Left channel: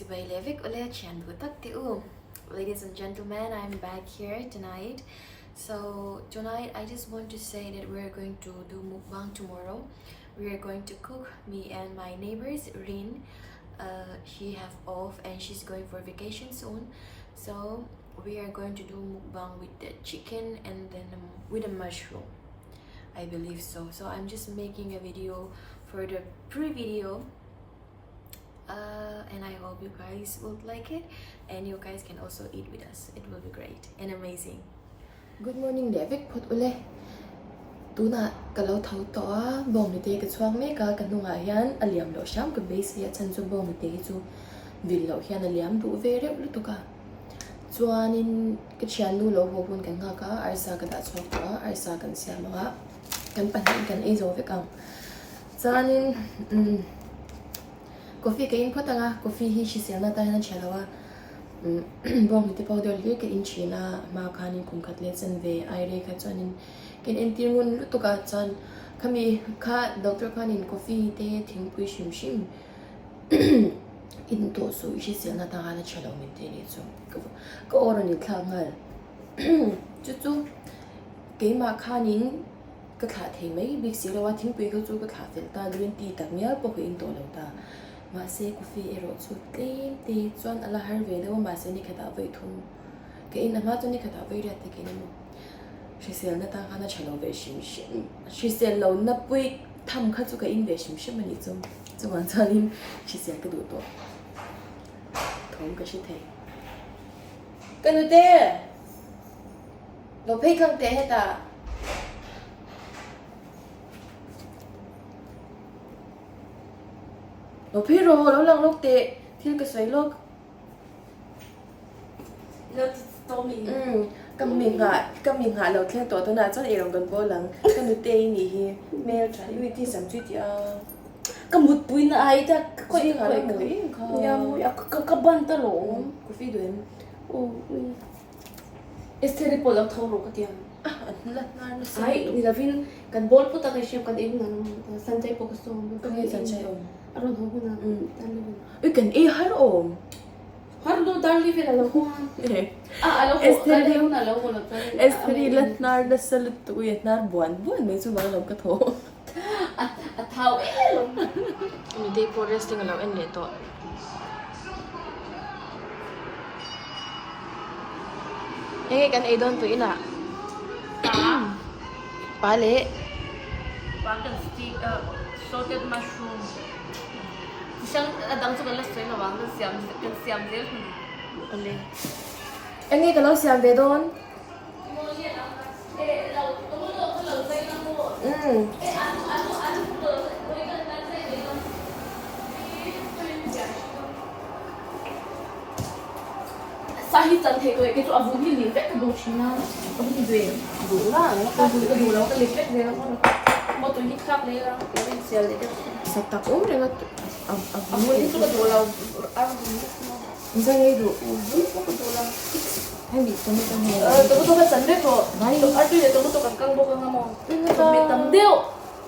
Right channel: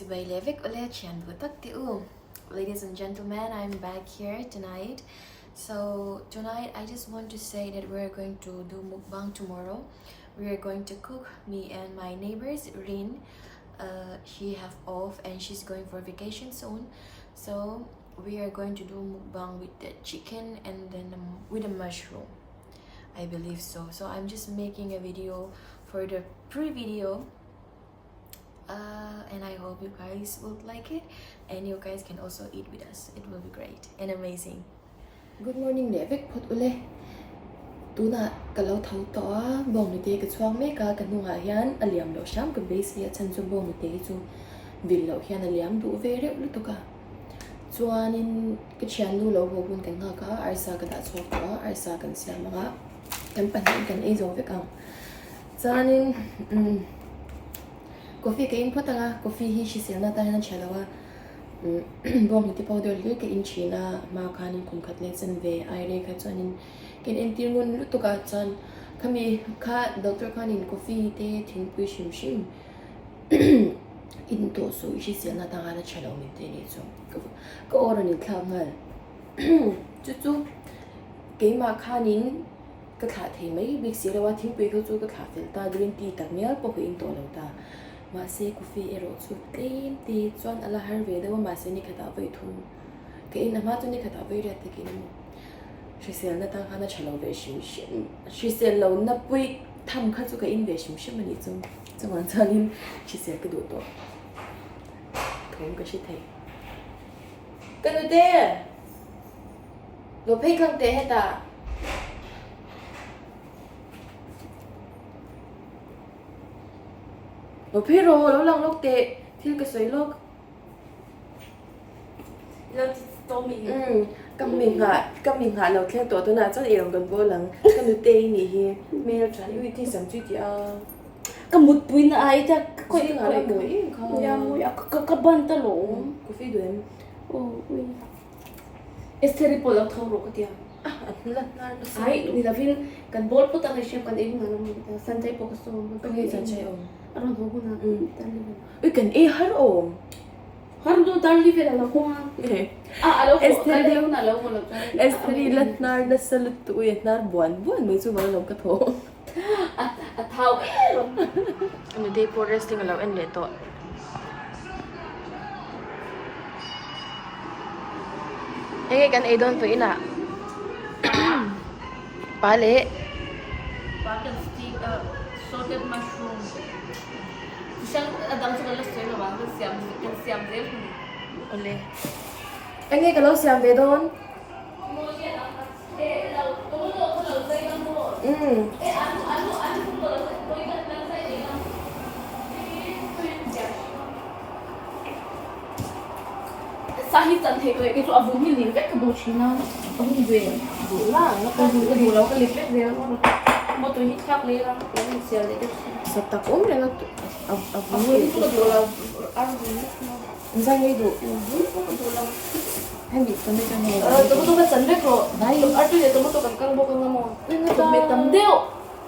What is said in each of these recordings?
Ladies and gentlemen, I'm back here tonight. So tonight I just want to say that we're going to do mukbang tomorrow. We are going to cook, me and my neighbors Rin. She have off and she's going for vacation soon. So we are going to do mukbang with the chicken and then with a mushroom. I believe so. So I'm just making a video for the pre-video. And I hope you guys will like it and you guys can also eat with us. It will be great and amazing. Good morning David put ule tuna kalau thau to bong ni te ka chuang me ka nu ha hian aliam lo sham ka base ya chan chu bong ni te chu vil lo hian aliam du ve re lutuk ka chuanin ka chian lu lo ho bun kan nga ka arsa ka da chok ka arsa kan siam nga kan pan kan ei zo ve ka chuanin coffee cái input nga coffee hi shi sian na ta na chelawa bong ti powder le ke in china ma khanin kum khat le chen ve ai re kha chonin ken entir ngun lutuka chan khami kha doctor khanin coffee te thing pui shim shim in to so shi sian na ta na chelaw min te ni chu ko ora ni thla ngal chu chu ke ma khanin ka kha thei mai big si lawa thing pui ko chu ka kha fel ta green tea tak mial po ko in to lo ta Mahse coffee ero chu tleim te chuan ala har ve dawa Mahse ni khata vai thun ke in ama tu ni khata vai ra te ke mo shi sel na ta khana chalo ve shim shim shi sel lo na pui tham kha chu ka in ve shim shim ani chu chuan chanin shi sel ka du to thong ka shi thei kan te lo phei khang te heta lo phi ro lo lang lok te thil ka soi lok lo to mi kam mi nga lo thel to na chan erong kan bo lang kan nu te ni hi mail chan wi ti sam chi ti a ka mut pui na ai ta ko i nga le moi ya moi ka ban ta lo ko fi duem o esteri po lo thang ro ka dia la nar na ai ni la vin kan bol po ta ka shem kan en na no san chai po ka so ka he chan chai om aron ho na ta ni ui kan e har om har do dar li vela lo ko alo esteri na lo mo lo esteri la nar na salut tu ye nar buan mai chu ma lo ka tho a thau ni dei po resting lo en le to Hey, kan edon po ina. Pale. Butter stick, salted mushroom. Isang adang sa kalas soy lawang kan siam del. Ole. Engi kalau siam de don. Sahi chan thei ko ke chu abu mi ni ke bo china abu ki ve bu la ni ka bu lo ka le pe ve mo to ni khap le ra ya ni sel le Sa tak dengan abu ni tu lo abu Insang itu. Hai bị cái này. to ba chan de ko Bai. atu le to kan kan bo kan mo me tam deo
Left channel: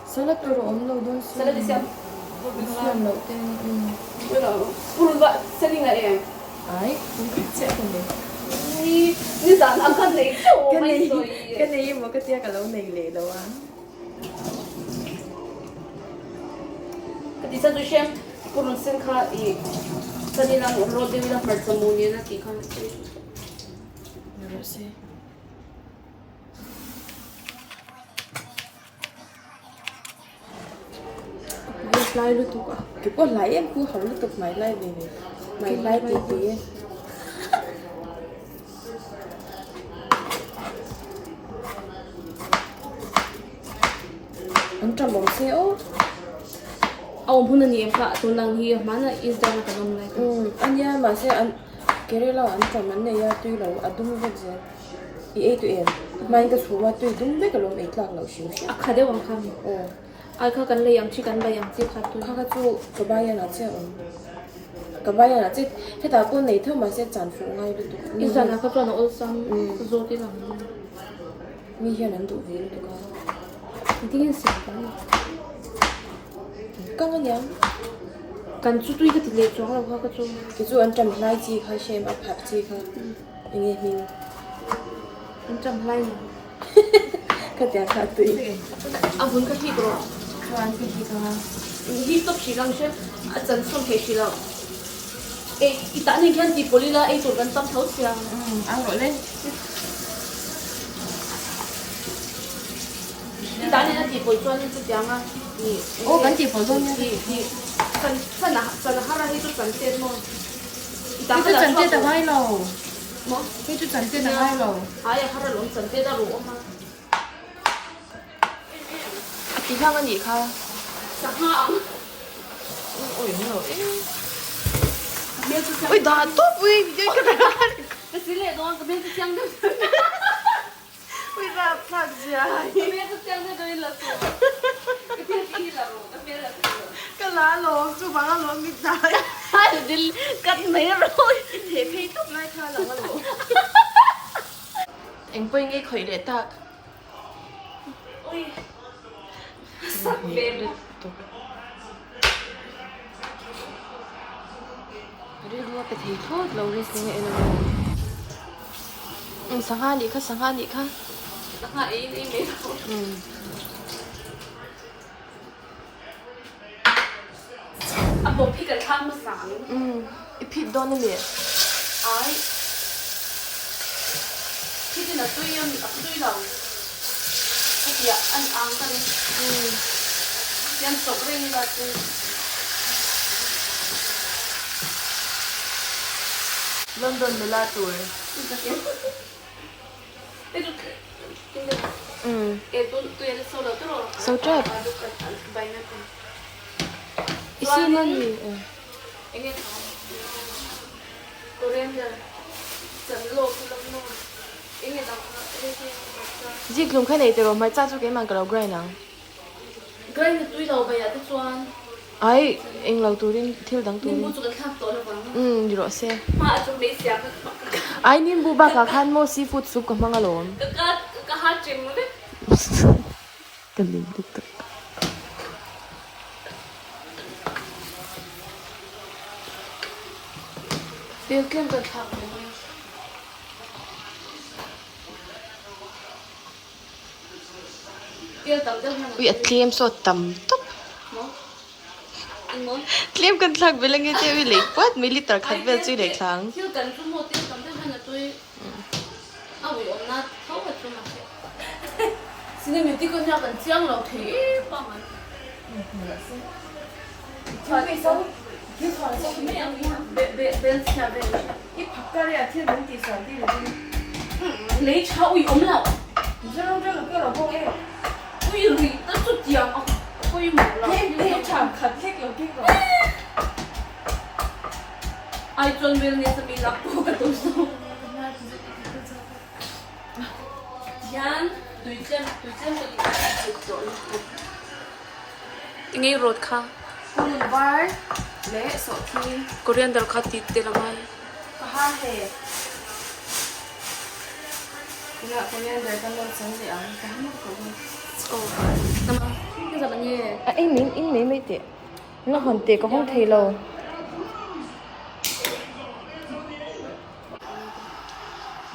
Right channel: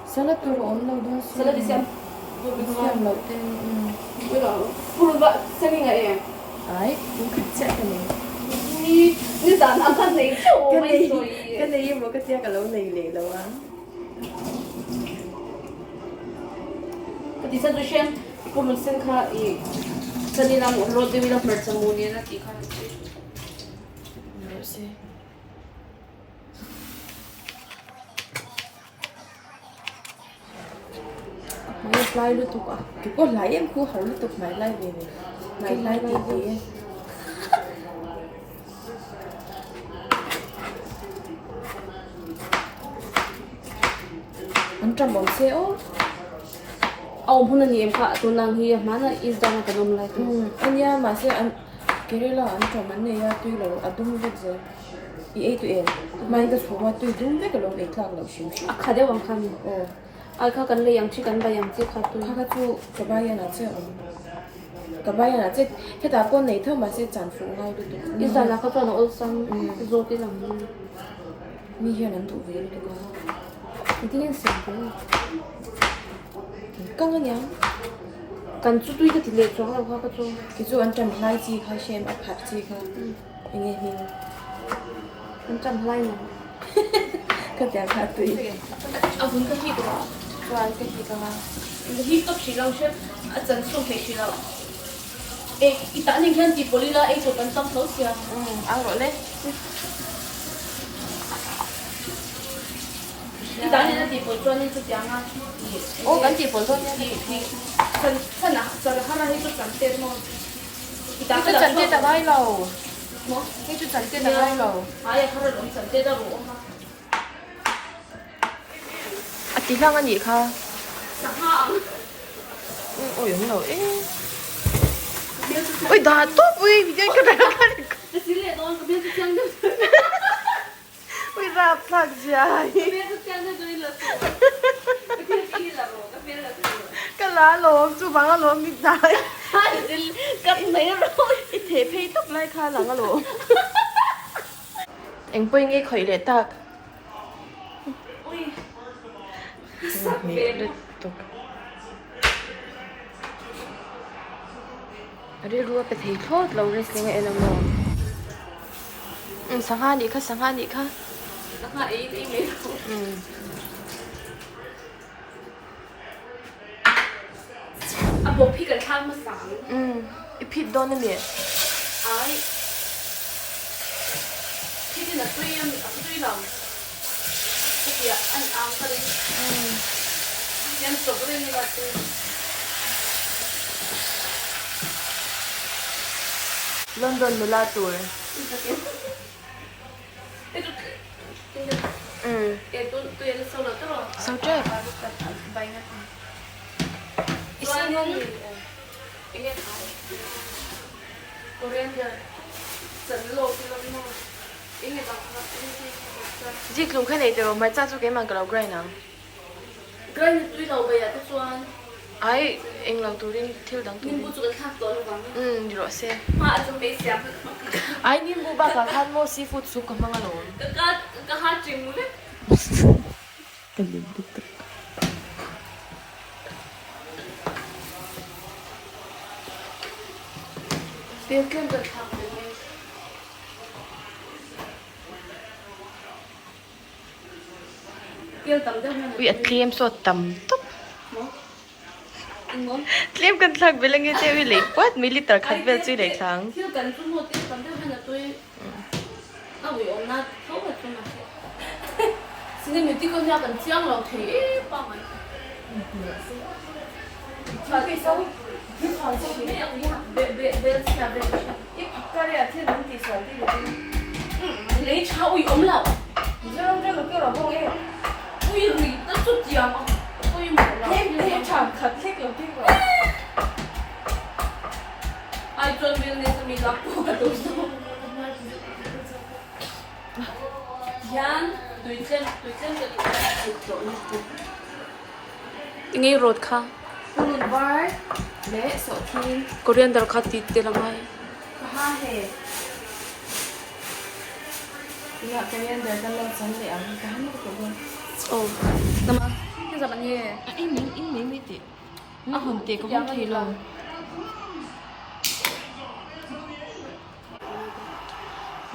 Sana turu om lo don si. sana di siam Siam lo ten. pulu ba seni na e Ai, cũng chắc cái này. ni dan ang kan nei Cái này mà cái tia cả lâu này lệ lâu á. di sa do siam pulu sen kha e sani lang lo de wila per samuni na ki kha Merci. Mày like lutuk à? Thì có like em cứ hỏi lutuk mày like về này. Mày like cái gì? Anh trầm bóng xe ô. Ông phun anh em cả tuần lang hi mà na is dana ka dum like Anh ya mà sẽ anh cái này là anh trầm anh này ya tuy là anh đúng vậy chứ. Ý ấy tụi em. Mà anh cái số mà tụi đúng vậy cái lòng ấy là lâu xíu xíu. khade wang kham Ồ. ai kha kan le yang chi kan ba yang chi kha tu Kakatu kabayan na siya kabayan na siya kita ko na ito mas siya chan fu ngay lutuk is dana ka to na ol sam zo ti lang mi hiya nang tu ve lutuk ka hindi yan sim kang nga cần chút tuy cái tỷ lệ cho là hoa cái chung cái chỗ anh chăm lai chi khai xem áp hạt chi khai anh nghe mình anh chăm lai mà cái tiếng hạt tùy vẫn cái gì đó cho anh cái gì cả cái gì tốt chỉ làm xem chân xong phải chỉ làm ê ít tại nên cái gì boli là ê rồi cần tâm thấu xem ăn rồi đấy ít tại nên cái gì boli cho nên cái tiếng à ô cái gì bồi thôi nha chân là hai cái chút chân tên mà ít tại cái chân tên là hai lầu mà cái chân tên là hai lầu ai hai cái lồng chân tên là rồi chị Thăng ăn gì không chẳng hạn ôi đúng rồi ôi đã tốt vui thì cái này cái gì này đó cái bên cái chân đấy ôi ra phạt dài cái bên cái chân đấy là cái bên kia là rồi cái bên là cái lá lốm chú bằng cái lốm bị dài hai là đi cắt nế rồi thế phi tóc lại tha là cái lốm anh bơi nghe khởi để tạc ôi sắp bể ở đây rùa bị thấy thốt lâu rồi cái này là mò sáng hai đi khá chẳng hạn ý mấy à bộ phi cần tham mà sáng ít phít đó nên mẹ ai phi là tuy lòng phi là ăn ăn cái đấy ăn sốt cái này là tôi London 15 tuổi tôi ăn sâu được rồi sâu chết xin anh gì anh nghe Korean giờ dẫn lô thì lông nó anh nghe đọc gì cũng khai này từ rồi mai cha chú cái màn cái đầu gray nào gray thì tôi đầu bây giờ tôi choan ai anh lâu tuổi đến thiếu đắng tuổi nhưng bố chú cái khác tối rồi đi rồi xe mà chúng đấy xem ai nên bố bà khá khăn mua seafood soup của mga lộn cái hát chừng đấy cái gì đó tiêu kiên được học tiêu tầm đâu ui atliam so tầm túp atliam cần thằng về lên cái tiêu ui lấy quát militer khát về chơi để thằng tiêu cần chung một tiêu tầm đâu là tôi ui ông na thấu hết rồi mà xin em tiêu con ra cần chiang rồi thế bao ngày mà vì sao cái khoản sao mấy anh đi bé xa bé cái cái này thiên linh thì sao đi lấy cháu ui ấm nào这个给老公哎，我一累都做酱啊，我一没了。你常看这个这个。哎，专门那是没拉过的都是。yan对症这里走一步。ngay road kha Pulun bar le so thi coriander kha ti te lamai kaha he. Ina coriander kan lo chong le ang kahan mo ko bon. oh Tama. Cái gì bạn nhỉ? anh mấy mấy tiệt nó hòn tiệt có không thấy lâu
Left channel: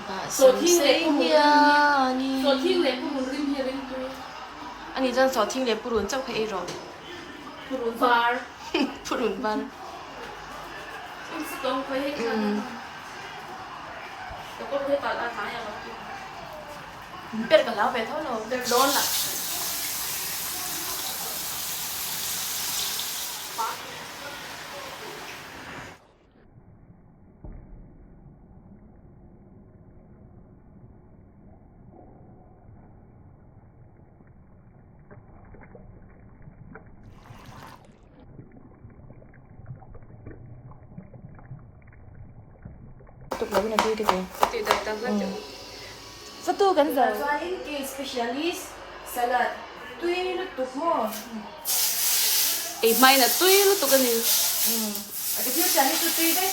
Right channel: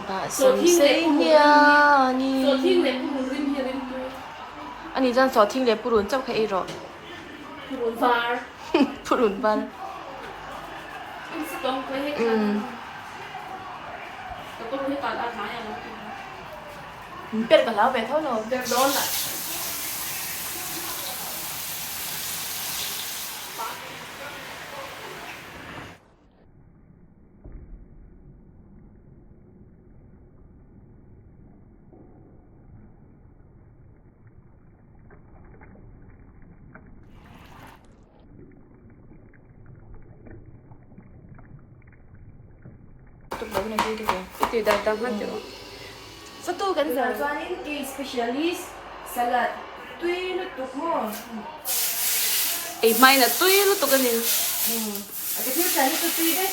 bà So thi le sinh pulun. So thi le pulun rim he rim tu. anh dân so thi le purun chau khai rồi Pulun bar. purun ban Anh sẽ có cái hết. Có cái cả đã thái rồi. biết cả lão về thôi rồi Được đón lại. tục lấy này đi được rồi Thì đây ta phát được. photo cái giờ cho anh cái specialist salad tuy nó tục mò Ấy may là tuy nó tụi cái gì. cái thiếu cái này tuy đấy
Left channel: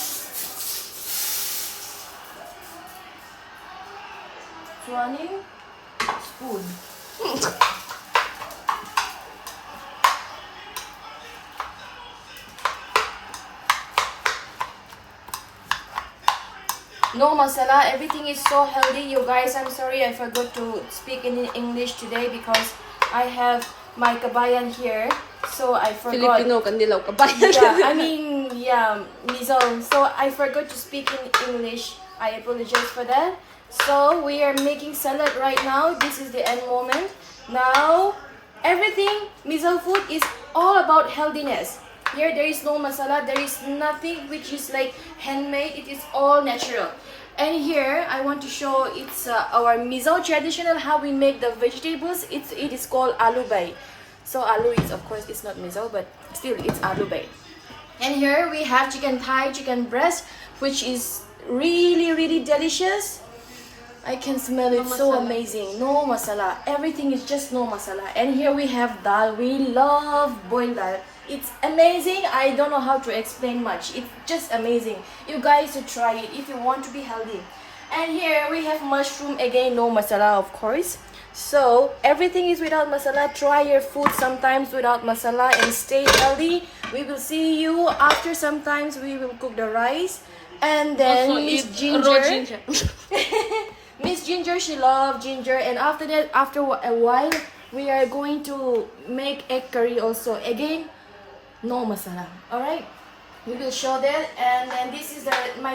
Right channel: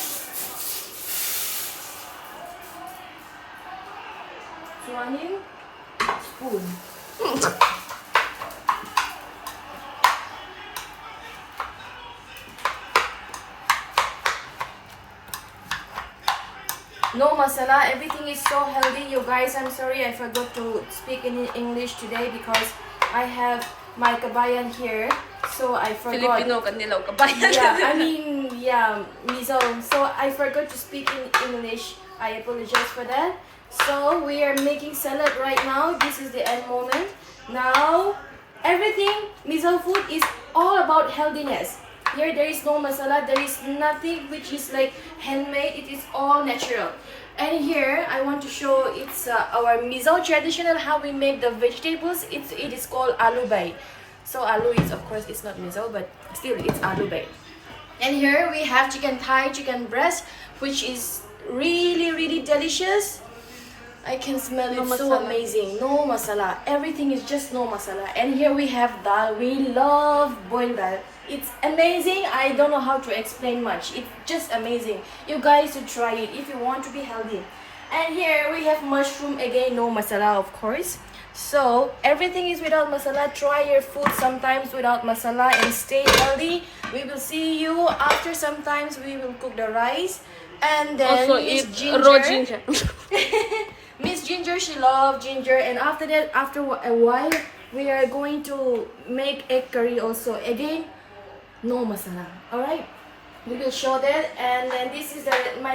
cho anh spoon No masala. Everything is so healthy. You guys, I'm sorry I forgot to speak in English today because I have my kabayan here. So I forgot. Filipino kandilaw kabayan. Yeah, MIZO. So I forgot to speak in English. I apologize for that. So we are making salad right now. This is the end moment. Now, everything MIZO food is all about healthiness. Here there is no masala. There is nothing which is like handmade. It is all natural. And here I want to show it's our MIZO traditional how we make the vegetables. It is called aloo bay. So aloo is of course it's not MIZO, but still it's aloo bay. And here we have chicken thigh, chicken breast, which is really delicious. I can smell it, so amazing. No masala. Everything is just no masala. And here we have dal. We love boiled dal. It's amazing. I don't know how to explain much. It's just amazing. You guys should try it if you want to be healthy. And here we have mushroom. Again, no masala, of course. So everything is without masala. Try your food sometimes without masala and stay healthy. We will see you after. Sometimes we will cook the rice. And then Also Miss eat Ginger. raw ginger. Miss Ginger, she loves ginger, and after that, after a while, we are going to make egg curry also. Again, no masala. All right, we will show that, and then this is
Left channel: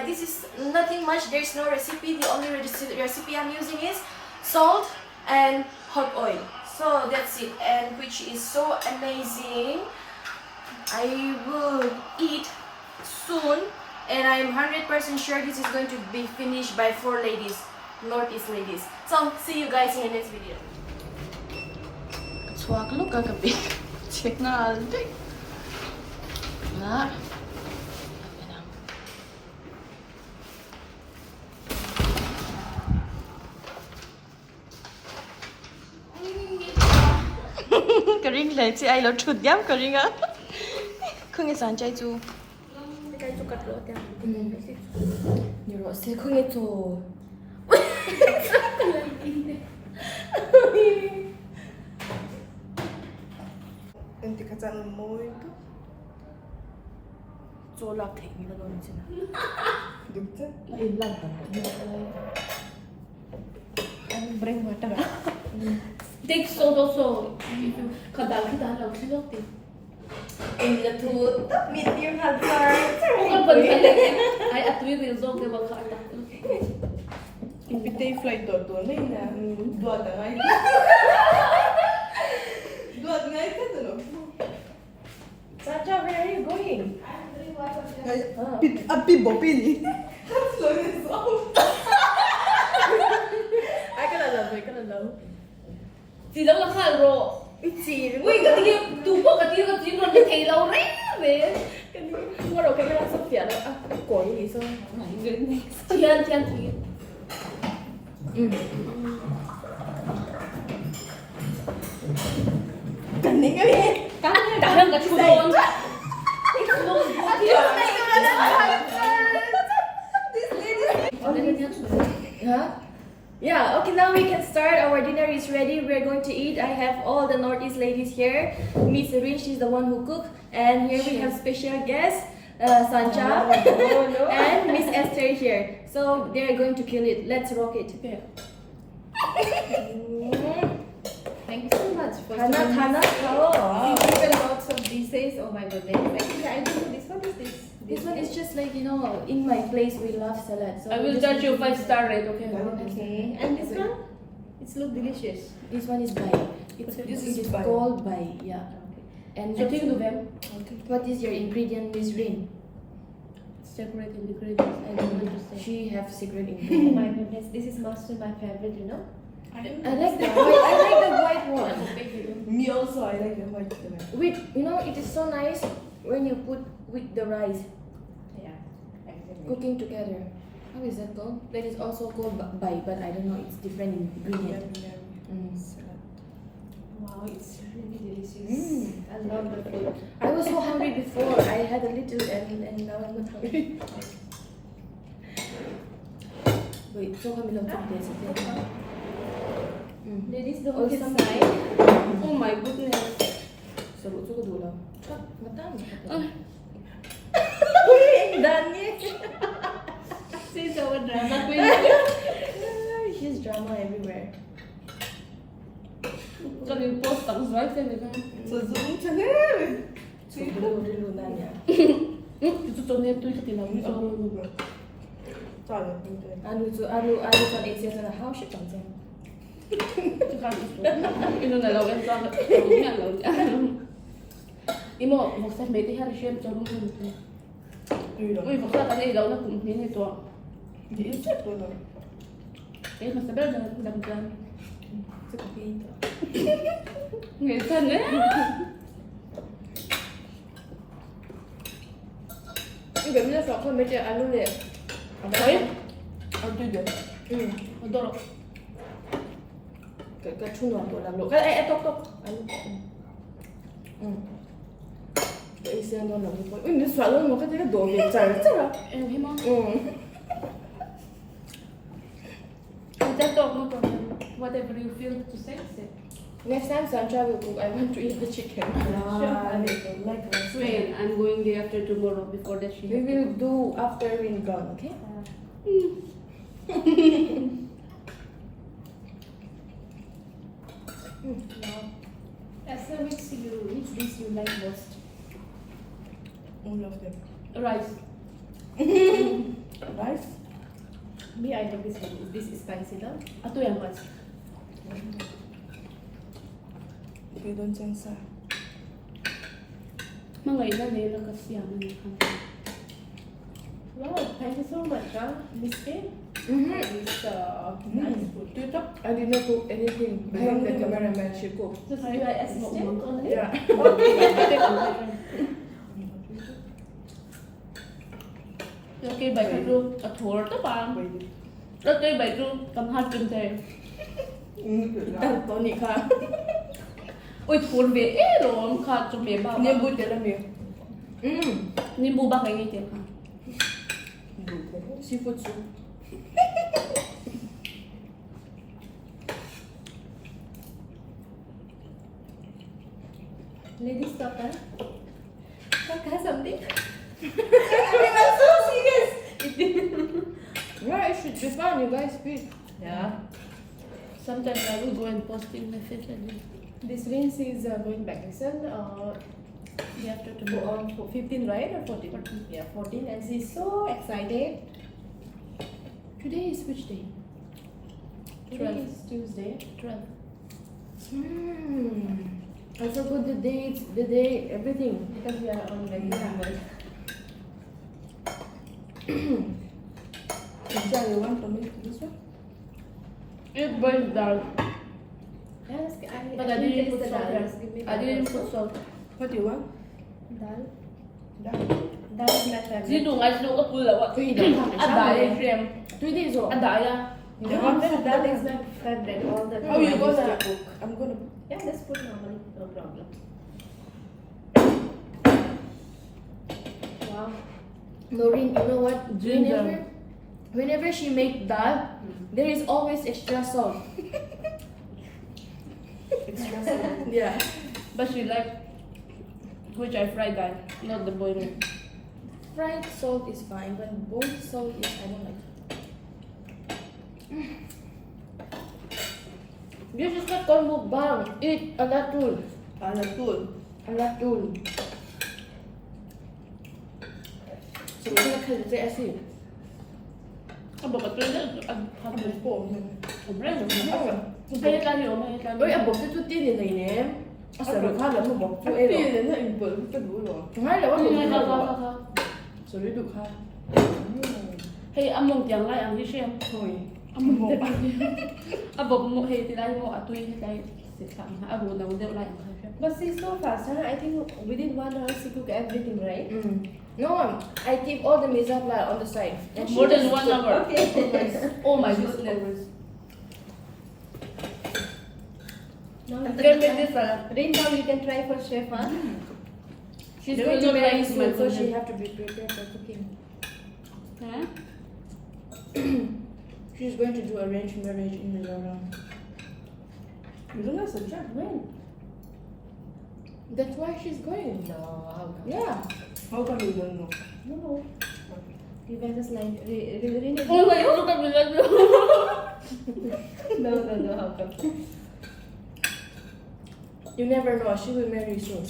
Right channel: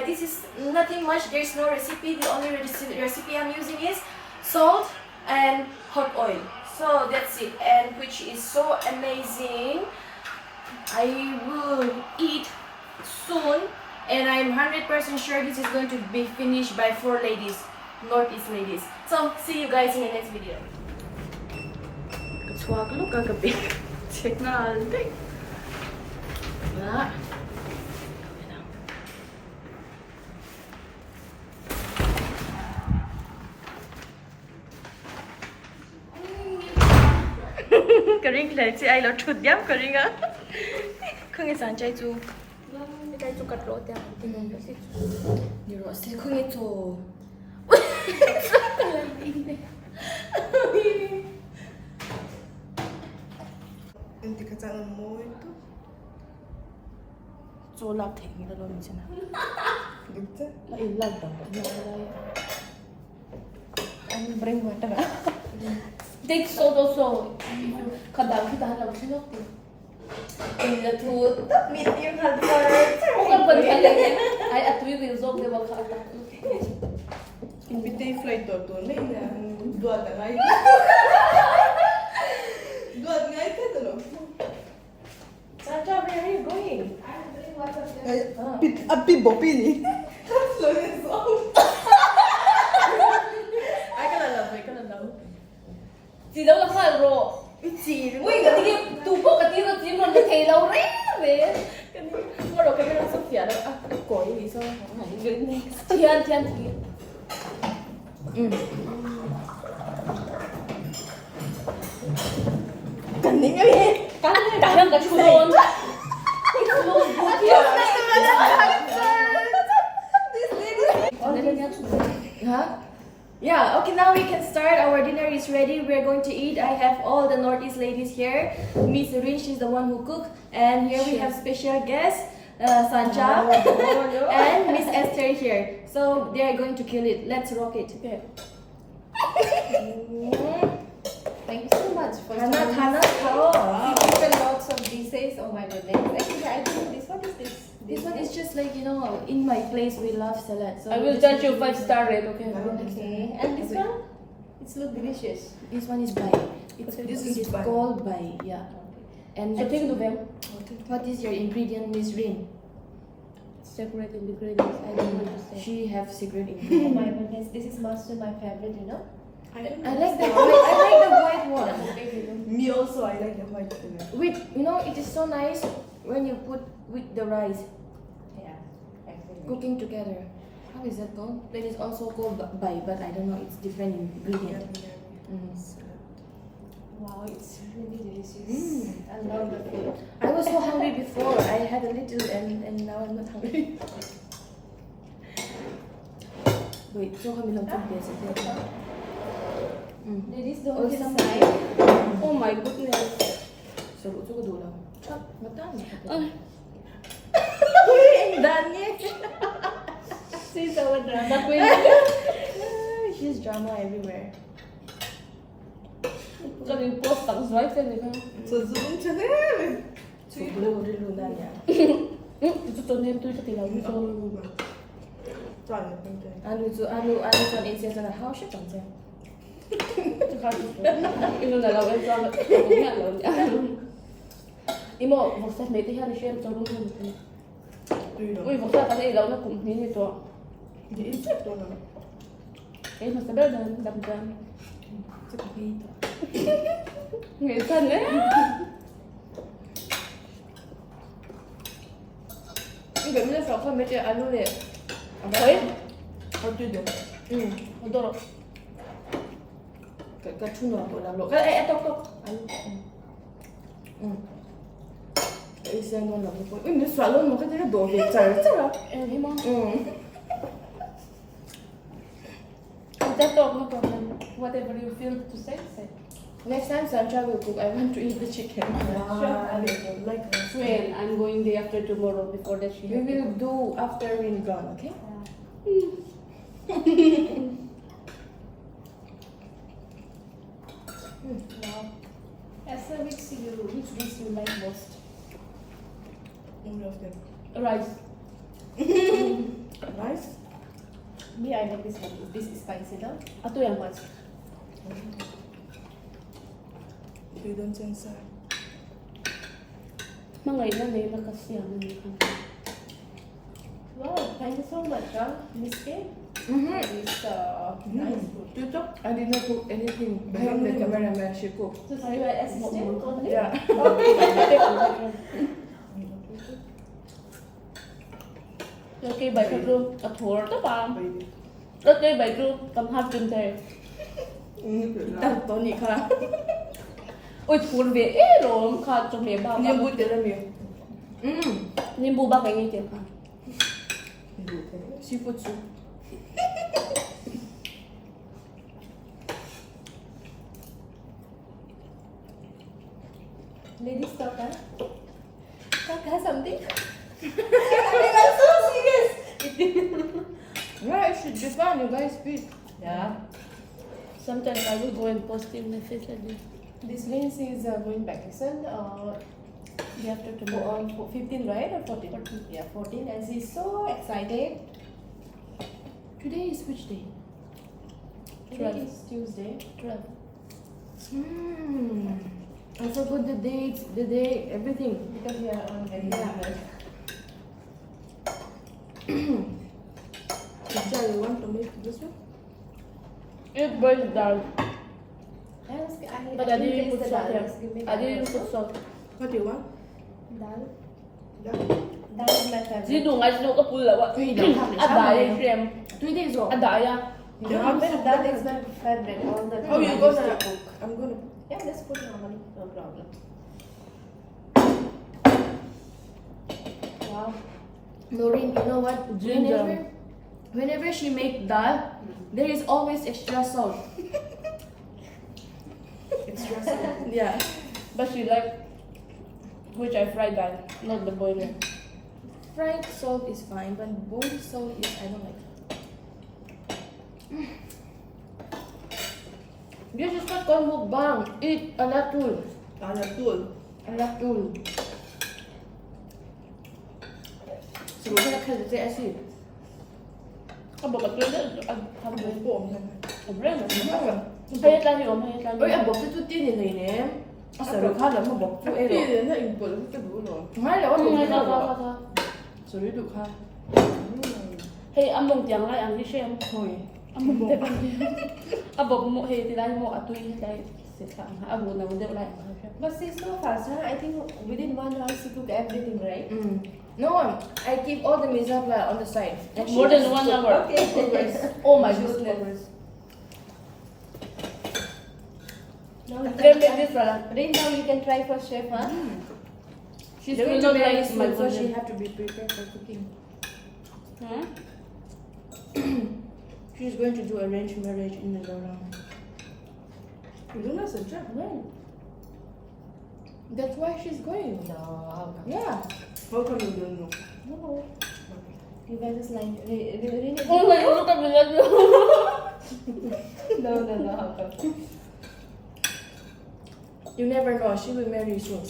this is nothing much. There's no recipe. The only recipe I'm using is salt and hot oil. So that's it, and which is so amazing. I will eat soon, and I'm 100% sure this is going to be finished by 4 ladies. Northeast ladies. So, see you guys in the next video. Chhuah look kagabi. Check na alday. Ah. Karing lai chị ai lo chụt yam karing á. Không nghe sáng chay chu. Cái chu cắt lỗ tiang. Nhiều rõ sẽ không nghe chỗ. Nanti kacang mui itu. Chỗ lạp thịt như là luôn chứ nào. Đúng chứ? Là im lặng cả. Anh bring water. Take salt also. Còn đào thứ ta đào thứ dốc thì. In the tooth. Medium hard size. Không cần phải lấy. Ai ăn tùy vì dốc để bằng khảo tập. Impitay flight tua này là duat ngay. Duat ngay thế rồi. Santa, where are you going? Api bopini. Ai cái là lần vậy cái là lâu. Chị đâu là phải rồi. Chị Ui, cái gì tụ bốc cái gì nó chỉ muốn để thấy lâu đấy về. cái này mua đồ cái này sắp tiền rồi. À, cổ gì sao? Thiên. Cái này cái gì? Cả hơn cả chua luôn. Huh? Yeah, okay, now we can start. Our dinner is ready. We're going to eat. I have all the Northeast ladies here. Miss Rin, she's the one who cooked. And here we have special guest, Sancha, and Miss Esther here. So they are going to kill it. Let's rock it. Okay. Thank you so much for Hana, wow. Lots of dishes. Oh my goodness. Actually, I think this one is this. This one is just like, you know, in my place we love salad. So I we will just judge need you to 5-star rate, okay? Okay. And this one? It's look delicious. This one is bai. This It is is bai. called bai, yeah. And So take it to them. what is your ingredient, Miss Rin? Separate ingredients. I don't understand. She have secret Oh ingredient. my goodness. This is Mahse, my favorite, you know. I like the white. I like the white one. Me also, I like the white one. With, you know, it is so nice when you put with the rice Yeah. Actually. cooking together. How is that called? That is also called bai, but I don't know. It's different ingredient. Wow, it's really delicious. Mm. I love the food. I was so hungry before. I had a little and now I'm not hungry. Wait, so kami lang put this. Ladies, don't Oh, decide. Oh my goodness. So, ito ko dula. Chak, matami. Uy, ang dami. See, so drama. drama everywhere. Cho nên post tặng giấy cho người ta. So dulu nanya. Itu cho nên tôi thì làm cho Anu kan Asia sana how shit kan saya. Ino na law em cho cũng là law. Imo một set mấy cái hàng xem cho đúng hơn. Ui một set cái law nó cũng như này to. Đấy mà sẽ biết là đầm đầm. Người thân đấy. Ibu mina sok kan macam anu le. Đấy. Ăn tươi được. Ăn to. Cái chhuah tu lah lo. Cái tok anu. Cái Asia non lah tu. Ui, mình xóa luôn một cái đồ về trời trời. Em thấy mong. That dog, no problem. Whatever you feel to say, say. Next time Sandra will cook, I want to eat the chicken. When I'm going there after tomorrow before that she. We will do after we're gone, okay? Esther, which dish you like most? All of them. Rice. Rice? Me, I like this one. This is spicy, no? Ato yung rice. You don't censor. Mga iba na yun ang kasiyahan niya. Wow, thank you so much, Miss K. It's nice food. I did not cook anything. Behind the cameraman, she cooked. So, are you an assistant? Yeah. Okay, bài cái rượu à thua đó bà. Okay, bài rượu cầm hạt kim thế. Tony ka. Ôi thua về ấy rồi em khát cho mẹ bà. Niệm bút cái là miếng. Niệm bút bà cái gì thế hả? Seafood soup. Ladies, stop that. Talk something. I'm so serious. Yeah, it should be fun. You guys speak. Yeah. Sometimes I will go and post in the Facebook. This means he's going back. Listen, Day after tomorrow. 15, right? Or 14? 14. Yeah, 14. And she's so excited. Today is which day? Today is Tuesday. 12. I forgot the date, everything. Because we are on regular. Sandra, you want to make this one? It boiled down. Yes, But I didn't put taste the salt dal. here. Just give me I dal didn't also. put salt. What do you want? Dal. That. Dal is my favorite. Zidong ay sino ka pula wa. Uy, lang. Adaya frame. 3 days old. Adaya. Dal is my favorite all the time. Oh, you gonna cook? I'm gonna. Yeah, let's put normally. No problem. Wow. Noreen, you know what? Ginger. Whenever she make dal, there is always extra salt. Extra salt. Yeah. But she like which I fried that, not the boiling. Fried salt is fine, but boiled salt is I don't like. This is not called mukbang. Eat alatul. Alatul. Alatul. So we're gonna cut the acid. Ang bagat ko yun, ang Phurawm. Sobrang Saya kan yo, saya kan. Ôi, bọc cái chút tiên này này nè. Sợ được khá lắm mà bọc chú ấy Đi rồi. đến là im bự cái đủ rồi. Ngay là bắt Ang đầu ngay rồi. ka. Sợ được khá. Hey, among tiang lai ang di shem. Thôi. Among tiang. Abo mo hey tilay mo atoy hitay. Sesang abo na mo de lai. But she's so fast, huh? I think within 1 hour she cook everything, right? No, I keep all the MIZO flour on the side. And More she than just 1 hour. Okay. Oh my goodness. Now Okay, make this salad. Rain down, we can try first, chef, huh? She's They going will to not marry like my soon, so she content. have to be prepared for cooking. Huh? She's going to do arranged marriage in Mizoram. You don't know Sandra? When? That's why she's going. No. Yeah. How come you don't know? No. You guys just like, Rain Oh my god, look at me like No, how come? You never know, she will marry soon.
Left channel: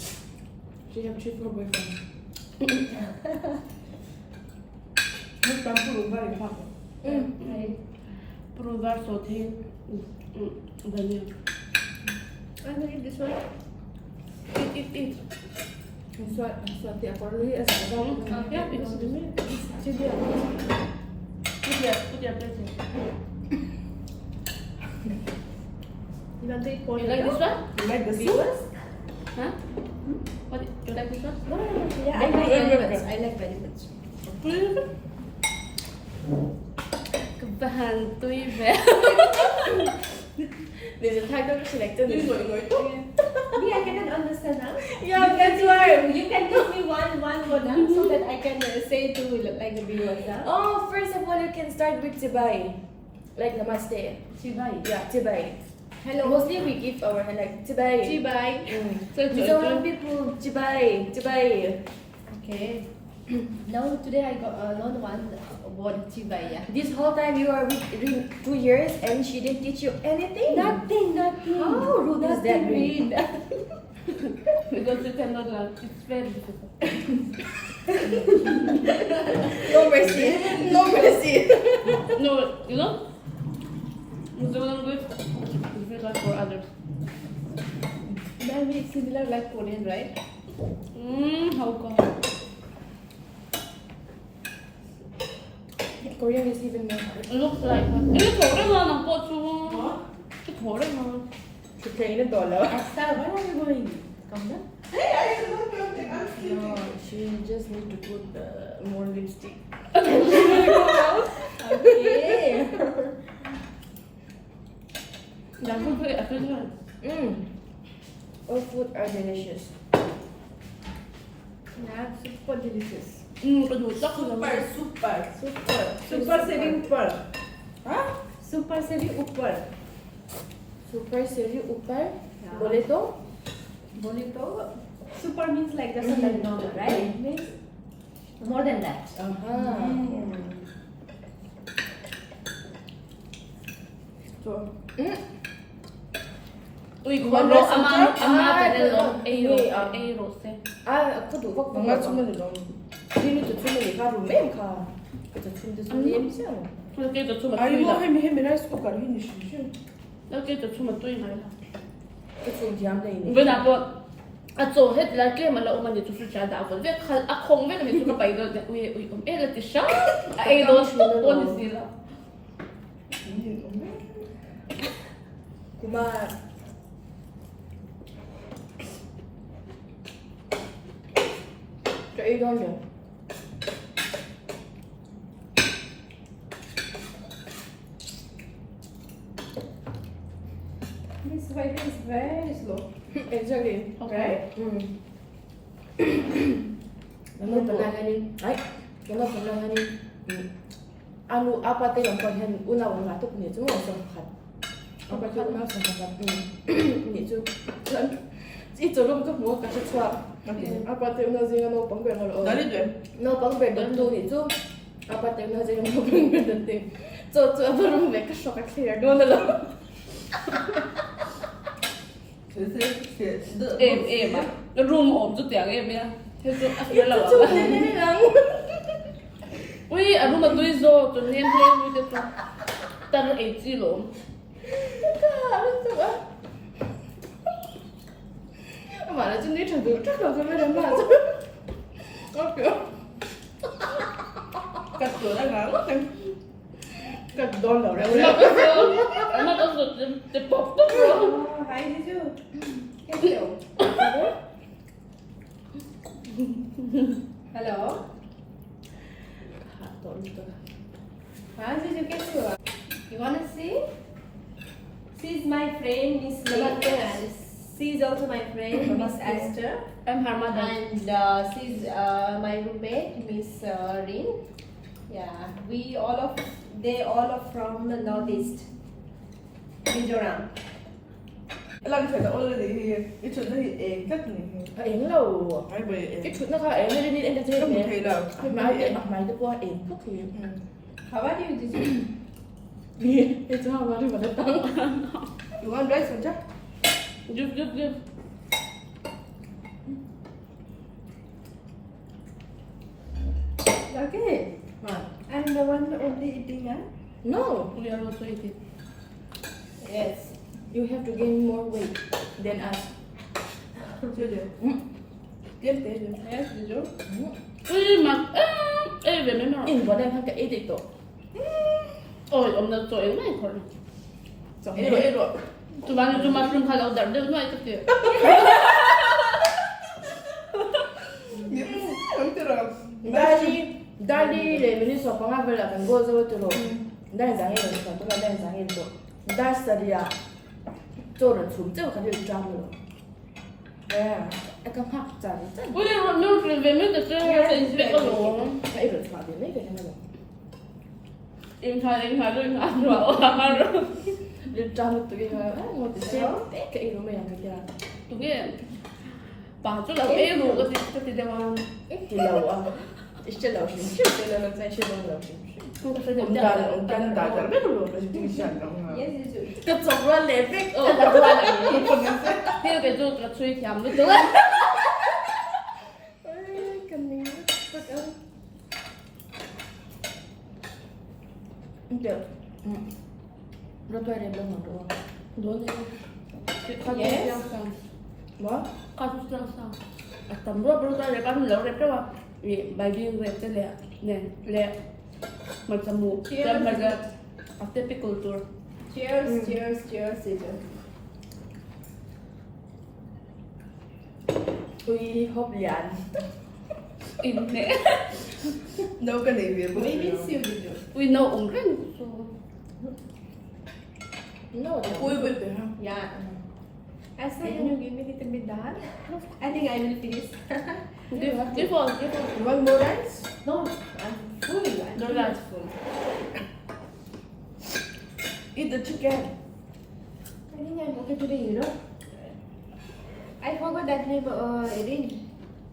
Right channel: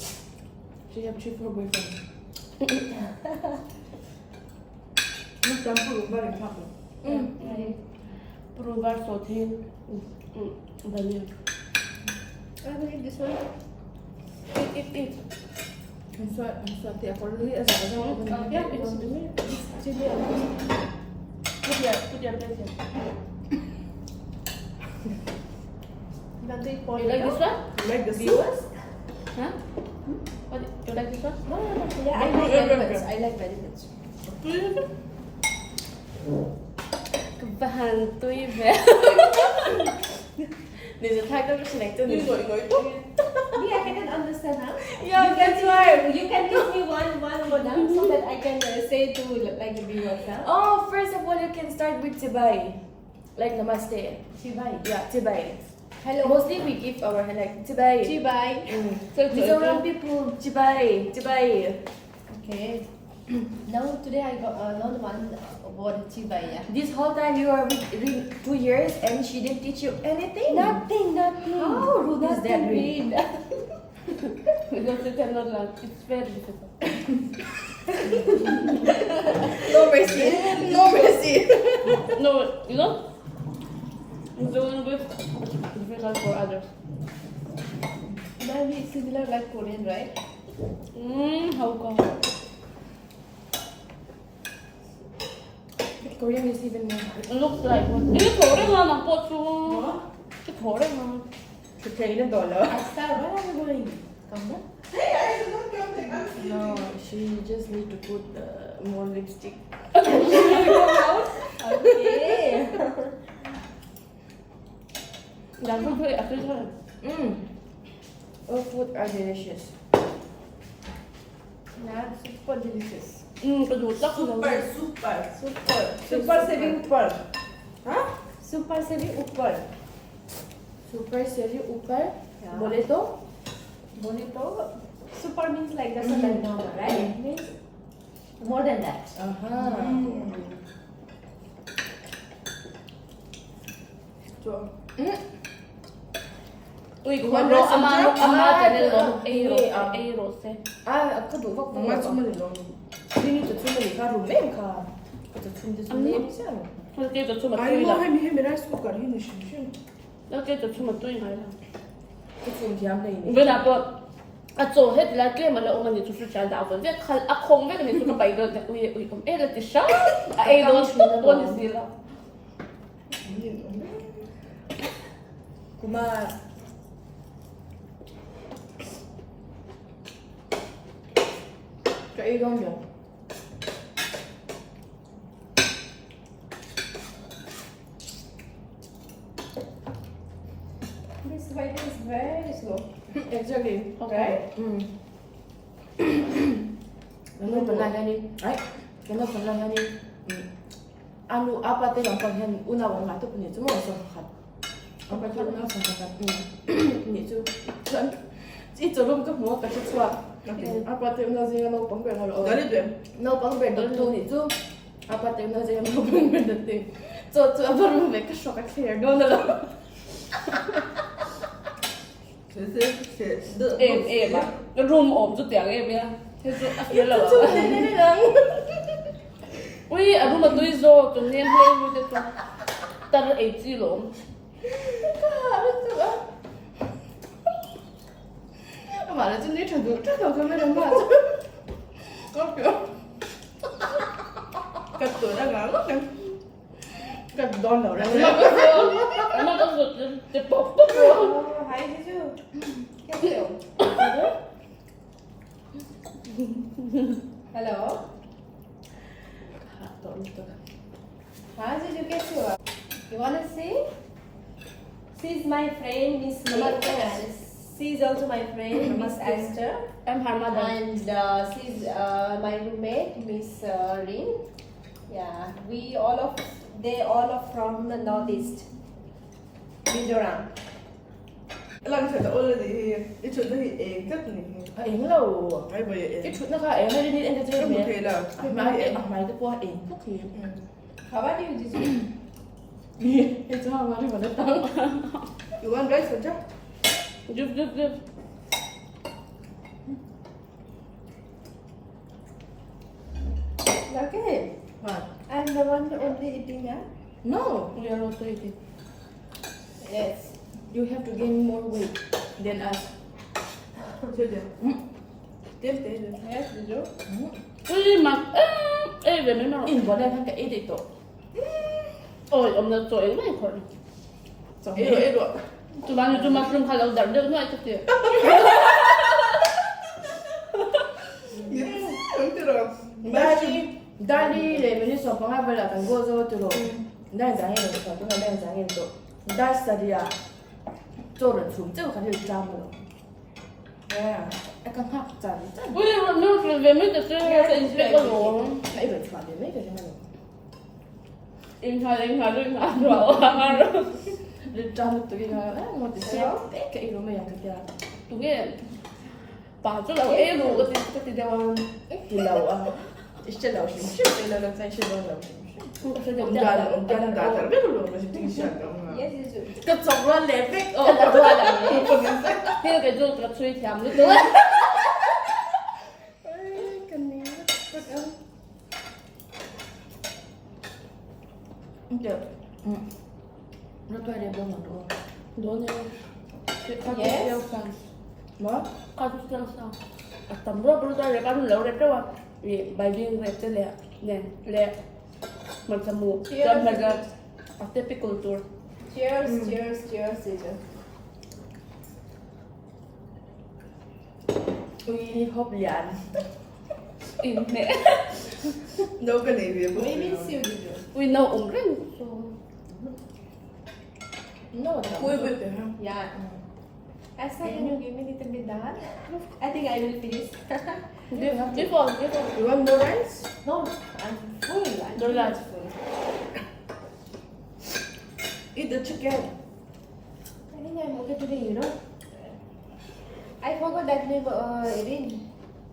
She have triple boyfriend. Lúc tắm phur very happy. Provar så till vanilj. I believe this one. Eat. I'm sorry, jag får det här så jag Yeah, it's the milk. Put your plate here. Not the You like this one? You like the soup? Huh? What? You like this one? No. Yeah, I like very much. I like very much. Kebantuin ya. There's a tag that she like to You do. know it. Yeah, I didn't understand now. Yeah, that's why. You can give me one more now so that I can say to like the viewers now. Oh, first of all, you can start with tibai. Like namaste. Chibai. Yeah, tibai. Hello. Mostly we give our like tibai. Chibai. So MIZO people, tibai. Okay. Now today I got another one about Chibai. Yeah. This whole time you are with Rin 2 years and she didn't teach you anything. Nothing. How rude is that, Rin? because you cannot learn. It's very difficult. No mercy. No mercy. No, you know? It's a little bit difficult for others. Maybe it's similar like Korean, right? How come? Korean is even more hard. It looks like one. Ini gorengan ang pocho. Ini gorengan. To pay in $1. Asta, where are we going? Come down. No, she just need to put more lipstick. Okay. Jangan put it after that. All food are delicious. Yeah, super delicious. Kedutak Super. Super saving per. Huh? Super savvy upper. Super seri upar. Yeah. Boleh to? Bonito. Super means like that's not like normal, right? It means more than that. So, Uy, One kalau lesson ama trap? tadi Ah, loh, ini, rose. Aku tu bak mamma bak som är lång. Ini tu cuma ni kan rumah kan. Kita cuma tu cuma ni macam. Så det är cuma Aj, tuj må lah. hem med rice cooker hin i kylen. Det är cuma tuj lah. Kita cuma diam dah ini. เวลาตัวโจให้แล้วเกลี้ยมันแล้วมันจะชุดชาดาวเว้ยอะคงเว้ยมันชุดไปเลยอุ้ยเอ๊ะเดี๋ยวช้าไอ้โดนตัวนี้สิละ Kuma. Kau ini dong. This white is very slow. Exactly. Okay. Namun pernah kan ni? Namun pernah kan ni? Anu apa teh yang kau hen unawan ngatu punya cuma sehat. Apa tu unawan sehat? Ni tu kan? Itu belum ke mau ke chhuah. Apa teh unawan sih no pang beng kalau. Dari dia. No pang beng tu ni tu. Apa teh unawan sih no pang beng tu. Tu apa belum ke shock clear dona lah. 吧，room 我就点个边，他说啊，别了 Itu tu ni ni lang. 喂，啊，room 对zo，昨天他那个，但是8 kilo， Harus tu ah. Mana tu ni cakap ke mana mana. Okay. Cắt cửa đang ngắn lắm. Cắt đòn đầu ra. 那个是这爆的。 Oh, hi, Jisu. Hello. Hi, Jisu. कैसे हो? You wanna see? She's my friend, Miss Namaste. and she's also my friend, Miss Esther. I'm her mother. And she's my roommate, Miss Ring. Yeah, they all are from the northeast, Mizoram. Lần phải already here. It should be a cắt này. Em lâu. Ai vậy? Cái chút nó khác em hay đi entertain nè. Okay đâu. Mai cái mai cái qua em phúc thì. How are you, Jisu? It's how much for the tongue. You want rice or just? Give. Okay. What? I'm the one only eating, huh? No. We are also eating. Yes. You have to gain more weight than us. Chơi Tiếp tiếp. Yes, you do. Ui mà về nữa nào. In bọn em hay cái ít ít tổ. Ôi ông nó trời này thôi. Ít rồi. Tụi bạn chúng mà không khai đầu đợt nữa cái gì. Dali le mini so panga bela kan gozo turo. Dan zang ye so to dan zang ye to. Da saria. 做人出这个感觉就抓不了。哎，哎，刚好咋的咋的？ Ui nó về mấy cái chơi cái gì có rồi. 哎，一人出的没个什么的。 Em khai lên ăn rồi ăn rồi. Dia抓了这个，哎，我的天，哎，个一人没养个的。 Đúng rồi. Bảo cho là em ngủ cái gì đâu. Eh, kilau ah. İşte lau şimşir, böyle lau sen şey lau şimşir. Không có gì Ondan da kadar ben olur mu? Şimdi inşallah. Yes, you do. Cái trồng ra lepek, Ồ, là tôi là kia cái ruột là suy thèm mới tới. Cái này rất ơi. Được. Nó tôi đẹp đâu mà đồ. Đồ như có gì đâu sao? Mà? Có chút sao? Tầm đó bữa tôi ăn lẩu đẹp đâu à? Bài viên đẹp thế lẹ. Mình sẽ mua xem bây giờ after pickle tour. Cheers, cheers, Teacher. Ui, hộp lian. Im mẹ. Nấu cái này đẹp. Maybe it's you, you do. Ui nấu ống cái. Nấu Full with it, huh? Yeah. Asa, can you give me a little bit dal? I think I will finish. Tiếp vào. You want more rice? No, I'm full. I'm Don't like. full. Eat the chicken. I think I'm okay today, you know. I forgot that name.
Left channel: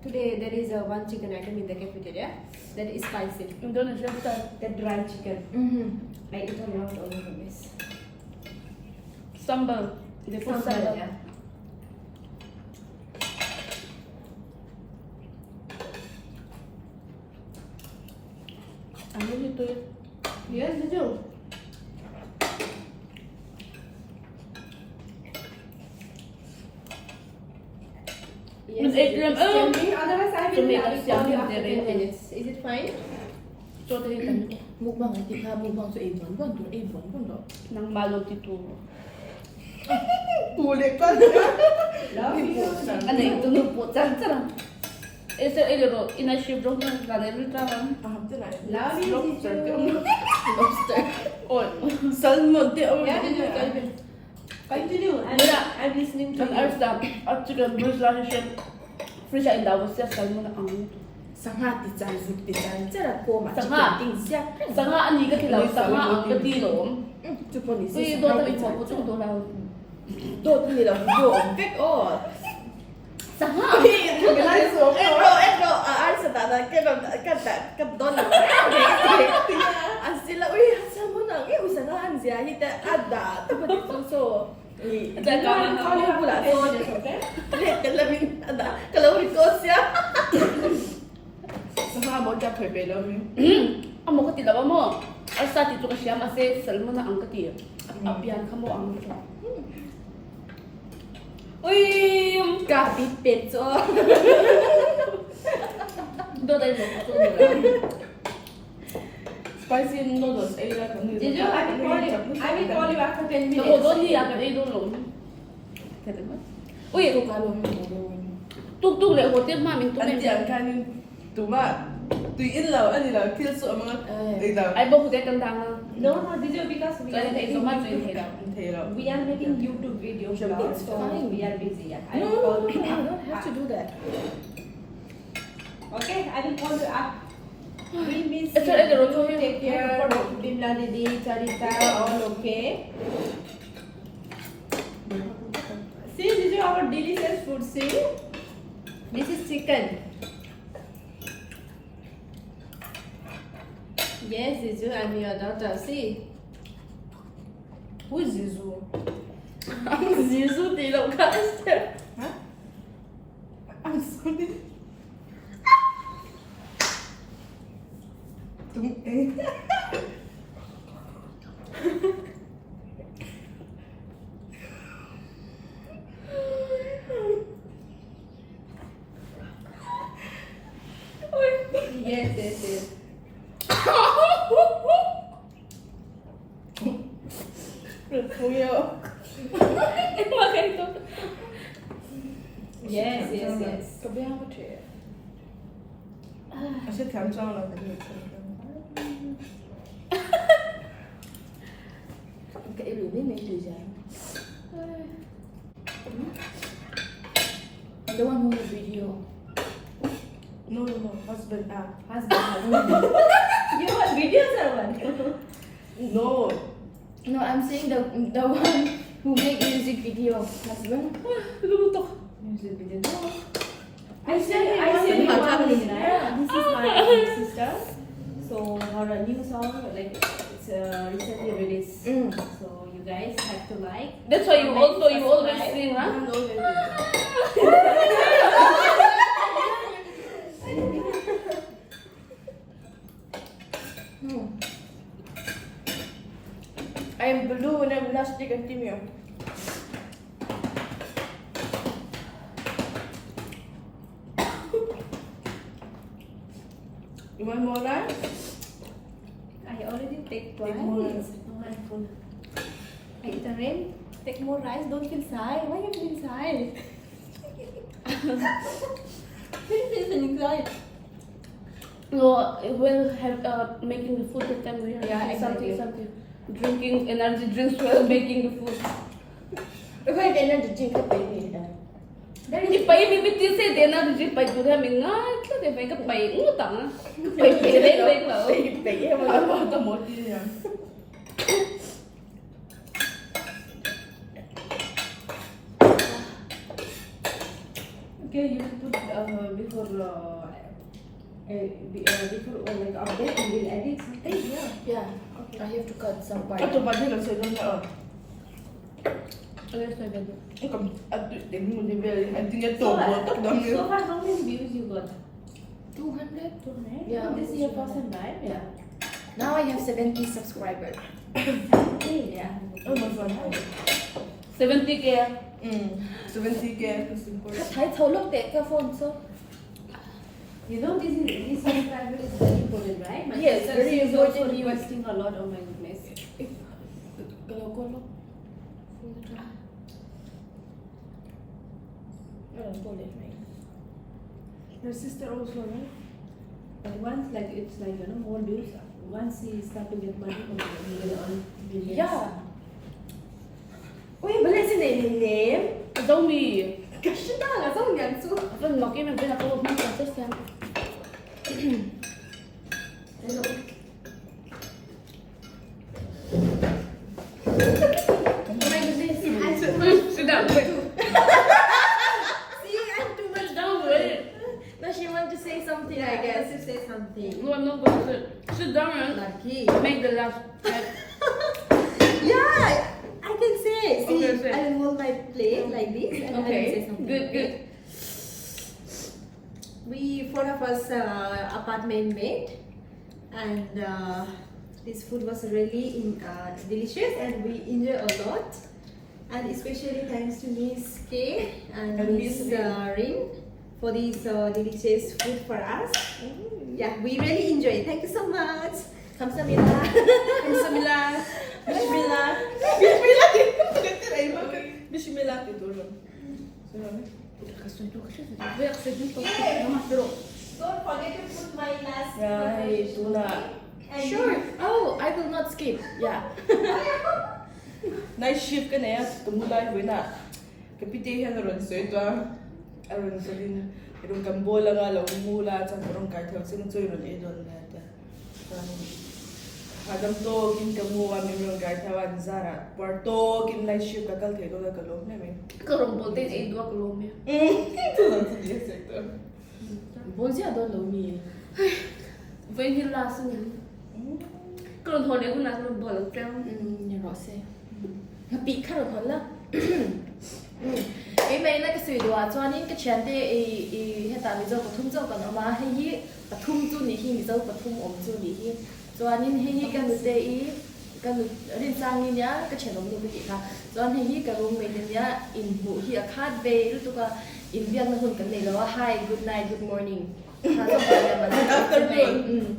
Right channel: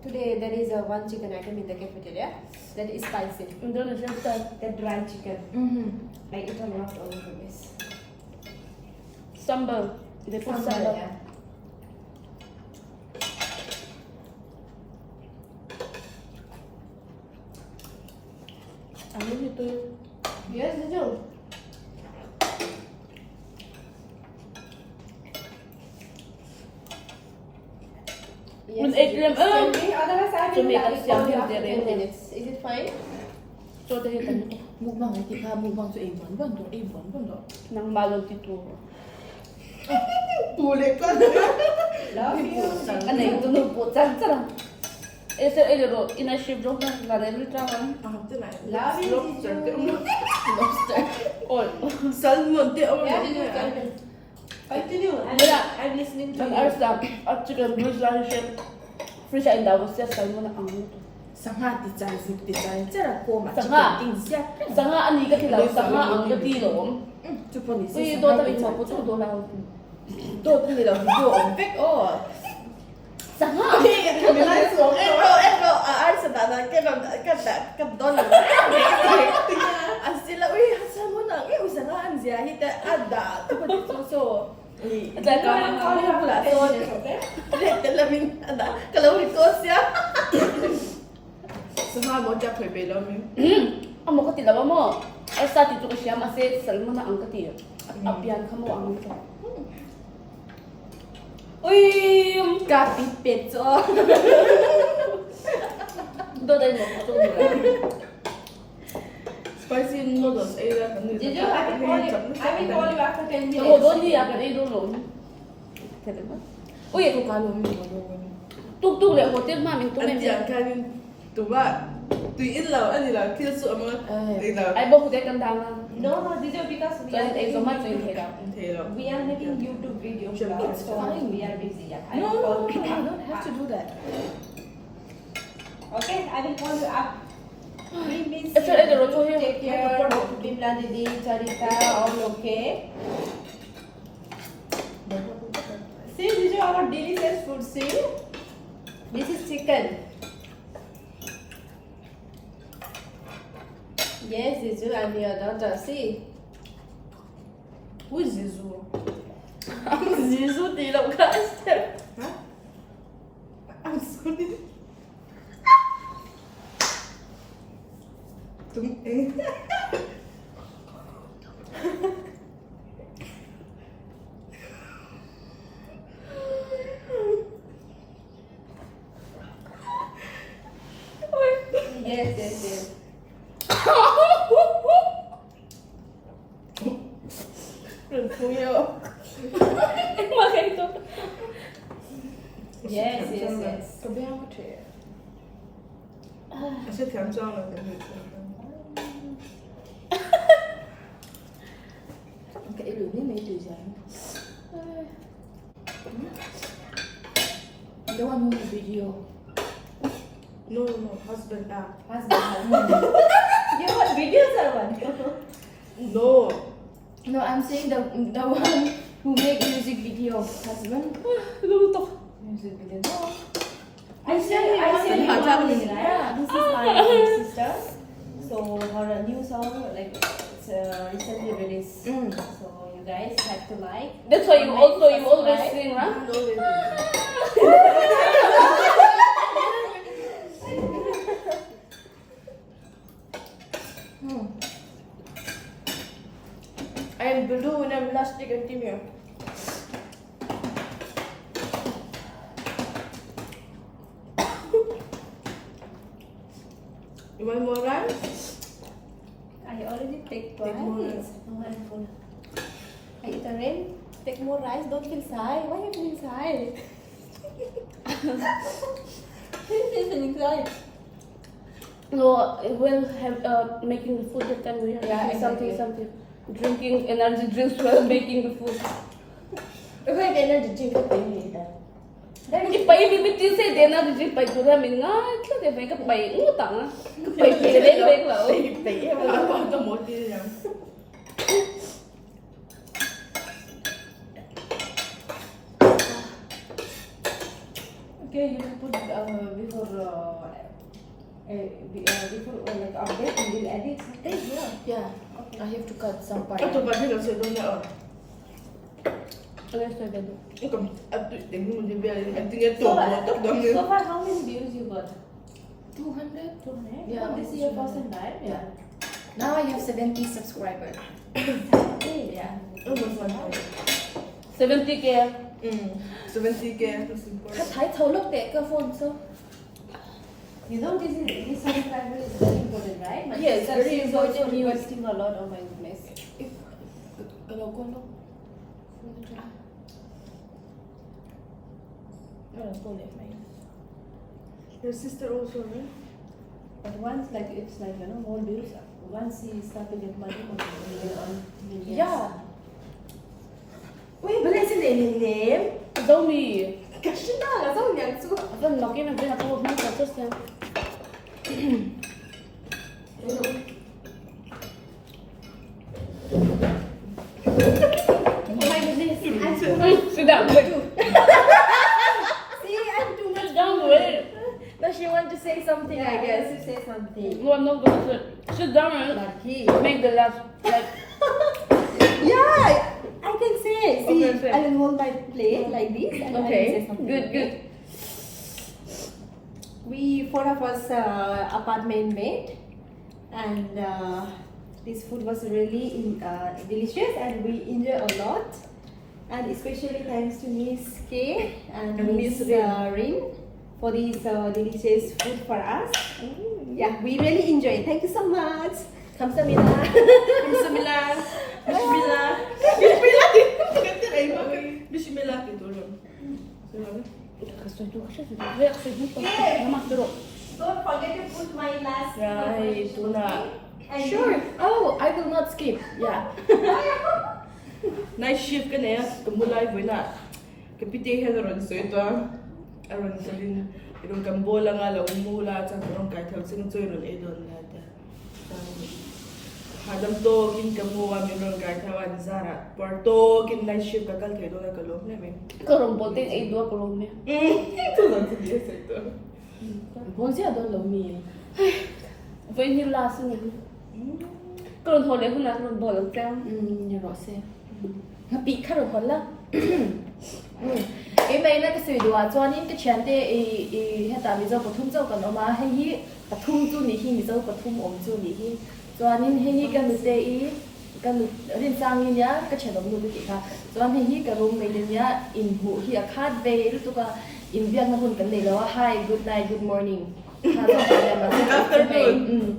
Today there is one chicken item in the cafeteria that is spicy. Đó là xem sao. The dry chicken. I eat a lot all over this. Sambal. They put sambal. Yeah. Ăn như tôi. Yes, you do. Mình ate them. Otherwise, I To will make have us it called something after 10 very minutes. Is it fine? Cho tôi hết tầm. Mukbang ay tika mukbang so ibon bon to ibon bon do. Nang malong tito. Ulit pa. Love you. Ano yung tunog po? Tsara. Ito ilo ina-ship daw na lalay ka. Ah, ito na. Love you, Lobster. teacher. Lobster. Ol. Salmon. Di ako Yeah, you can. Continue. I'm listening to Ang you. aras na. At chicken bruise lang siya. Free siya indawas siya. Saan mo na ang ito. Sangha ti chan zuk ti chan. Tsara ko ma Sangha. chicken ting siya. Sanga ani ka tilaw. Sanga ang katilo. Chupo ni Uy, si do tabi mo po. Do na. Do ni la do on back oh. Sanga. Ero, aar sa tata ka don. Asila uy, sa mo na uy sangha an siya hita ada. Tupo di so. Kamu pula so. Kalamin ada. Kalau ko siya. Sangha mo ja phe be lo mi. Amo ka tilaw mo. Al sa tito ka siya Mahse salmo na ang katilo. At apyan ka mo ang ito. Uy! Kapit petso. Do tayo mo. Spicy noodles. Ay, Did you? I will call you after 10 minutes. Ako doon niya ka rin doon. Pwede ba? Uy! Ito kalo mi mo. Tugtog le hotel mamin to Anh chàng khai nhưng tụi bạn tùy in lầu anh là kia sợ mà đi lầu Ay ba hotel kan tama. No, did you? Because we So are ito man so making, ito. thì là we are making YouTube videos. Sure, now, it's so fine. We are busy. Yeah. I no, will call you you up. don't have to do that. Okay, I will call you up. We miss Ito, you. ito, ito. Take care. Dimla Didi, Charita, all okay. See, this is our delicious food. See, this is chicken. Yes, this is and your daughter. See, Who is Zizu? Zizu di đâu cả step. Huh? I'm sorry. Tum Yes, yes, yes. Yes, yes, yes. Có biết không trẻ? Tôi sẽ khám cho là cái gì? Cái lưỡi biết mấy từ gì? The one who made video. No, husband. Husband. You want videos or what? No. No, I'm saying the one who make music video. Husband. Lutuk. Music video. No. I said yeah. This is my sister. So her new song, like it's recently released. So you guys have to like. That's why you comment, always subscribe. sing, huh? I am blue and I'm plastic and timio. You want more rice? I already take Take rice. more rice. Oh, I'm full. I eat a rain. Take more rice. Don't feel shy. Why you feel shy? Feeling shy. No, we'll have making the food that time we have Yeah, something, exactly. something. Drinking energy drinks while making the food. If I didn't drink a penny. Cái bậy bị biết gì thế nào thì bậy tụi ta mình nói chứ cái bậy cái bậy ngủ tặng bậy bậy đấy lỡ Bậy em là có một gì nè. Okay, you can put before like update you will edit something. Yeah. I have to cut some part. Cut Ito pa din sa doon na. Ano sa bed? Ang tingin mo di ba? Ang tingin to. So far, how many views you got? 200. 200. Yeah, This is your first time, right? Yeah. Now I have 70 subscribers. Yeah. Oh, what's one? 70K. 70K. Cut Thai thâu lúc để cơ phone so. You know this subscriber is very important, right? My Yes, sister very is important. also requesting a lot on my business. Kalau kau lo. Your sister also, right? But once like it's like more views. Once he start to get money, he will earn millions. Yeah. Uy, bala si name. Zombie. Kasi na, so yan so. Apa nak yang macam aku nak terus kan? Oh my goodness, I'm too much. Sudah. See, I'm too much Down, right? No, she want to say something, I guess. to say something. No, I'm not going to sit down and Lucky. make the last. Like, Yeah, I can say. See, Okay, say. I will hold my plate like this and I will say something. good, good. We four of us apartment mate, and this food was really delicious, and we enjoy a lot. And especially thanks to Miss K and Miss Rin for this delicious food for us. Yeah, we really enjoy it. Thank you so much. Kamsahamnida. Bismillah. Bismillah. Bismillah itu loh. Don't forget to put my last. Yeah, itu na. And Sure. Oh, I will not skip. Yeah. Nice shift ka na yan. Tumulay ko na. Kapitihan ron so ito. Aron sa din. Irong kambola nga lang umula at sa karong kahit sinusoy ron idon natin. Hadam to kin kamu kami ron kahit Zara. Porto kin nice shift kakal kayo ka kalog namin. Kerompotin ay dua kolomnya. Ito lang sa yes ito. Bonsi ada lomi. Với như là xin Kerong thôi để aku nak kerong bolong kan. Ya rose. bị khá rồi hơn lắm cái mấy này cái suy đoán cho nên cái chuyện đấy hiện tại MIZO có thung châu còn nó mà hay hi thung chu ní hi MIZO có thung ổn chu ní hi cho nên hay hi cái nút đấy cái nút đến sang như nhá cái chuyện đó nút cái khác cho nên hay hi cái room mấy nhá in hụ hi khát về lúc đó in viên nó còn cái này là hi good night good morning ha rồi phải là mà afternoon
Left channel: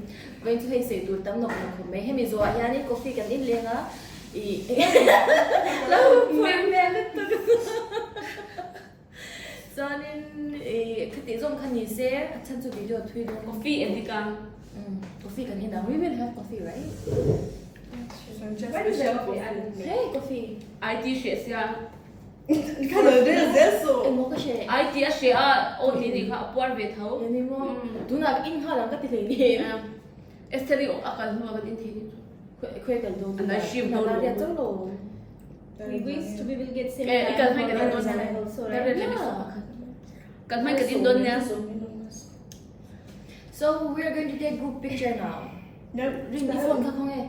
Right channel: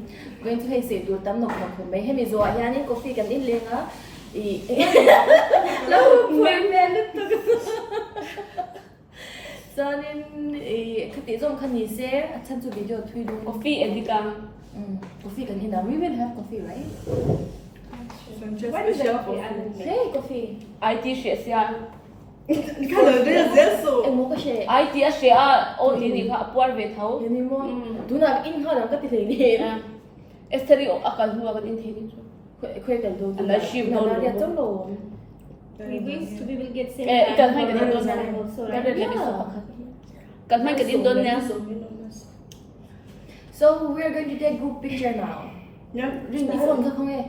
going to hay say tur tam nok na khum hay MIZO ya ni coffee kan in lenga lâu quên mẹ lutuk cho nên cái tiếng Zawng khăn gì sẽ chân cho video thui đúng Coffee and the gum. coffee kan hina we will have coffee right What is the coffee? hey coffee IT shares ya. em mua cái gì IT share o ini ka puar ve thau. em mua tu na in ha lang cái tiếng gì Esteri akal huwa ka din thini. khuê cái đồ And I ship no là cái chấm đồ We will get same Eh, ikan hai time. ka din Also, don. right? Kan mai ka din don niya. so we are going to take group picture now ring đi phone không nghe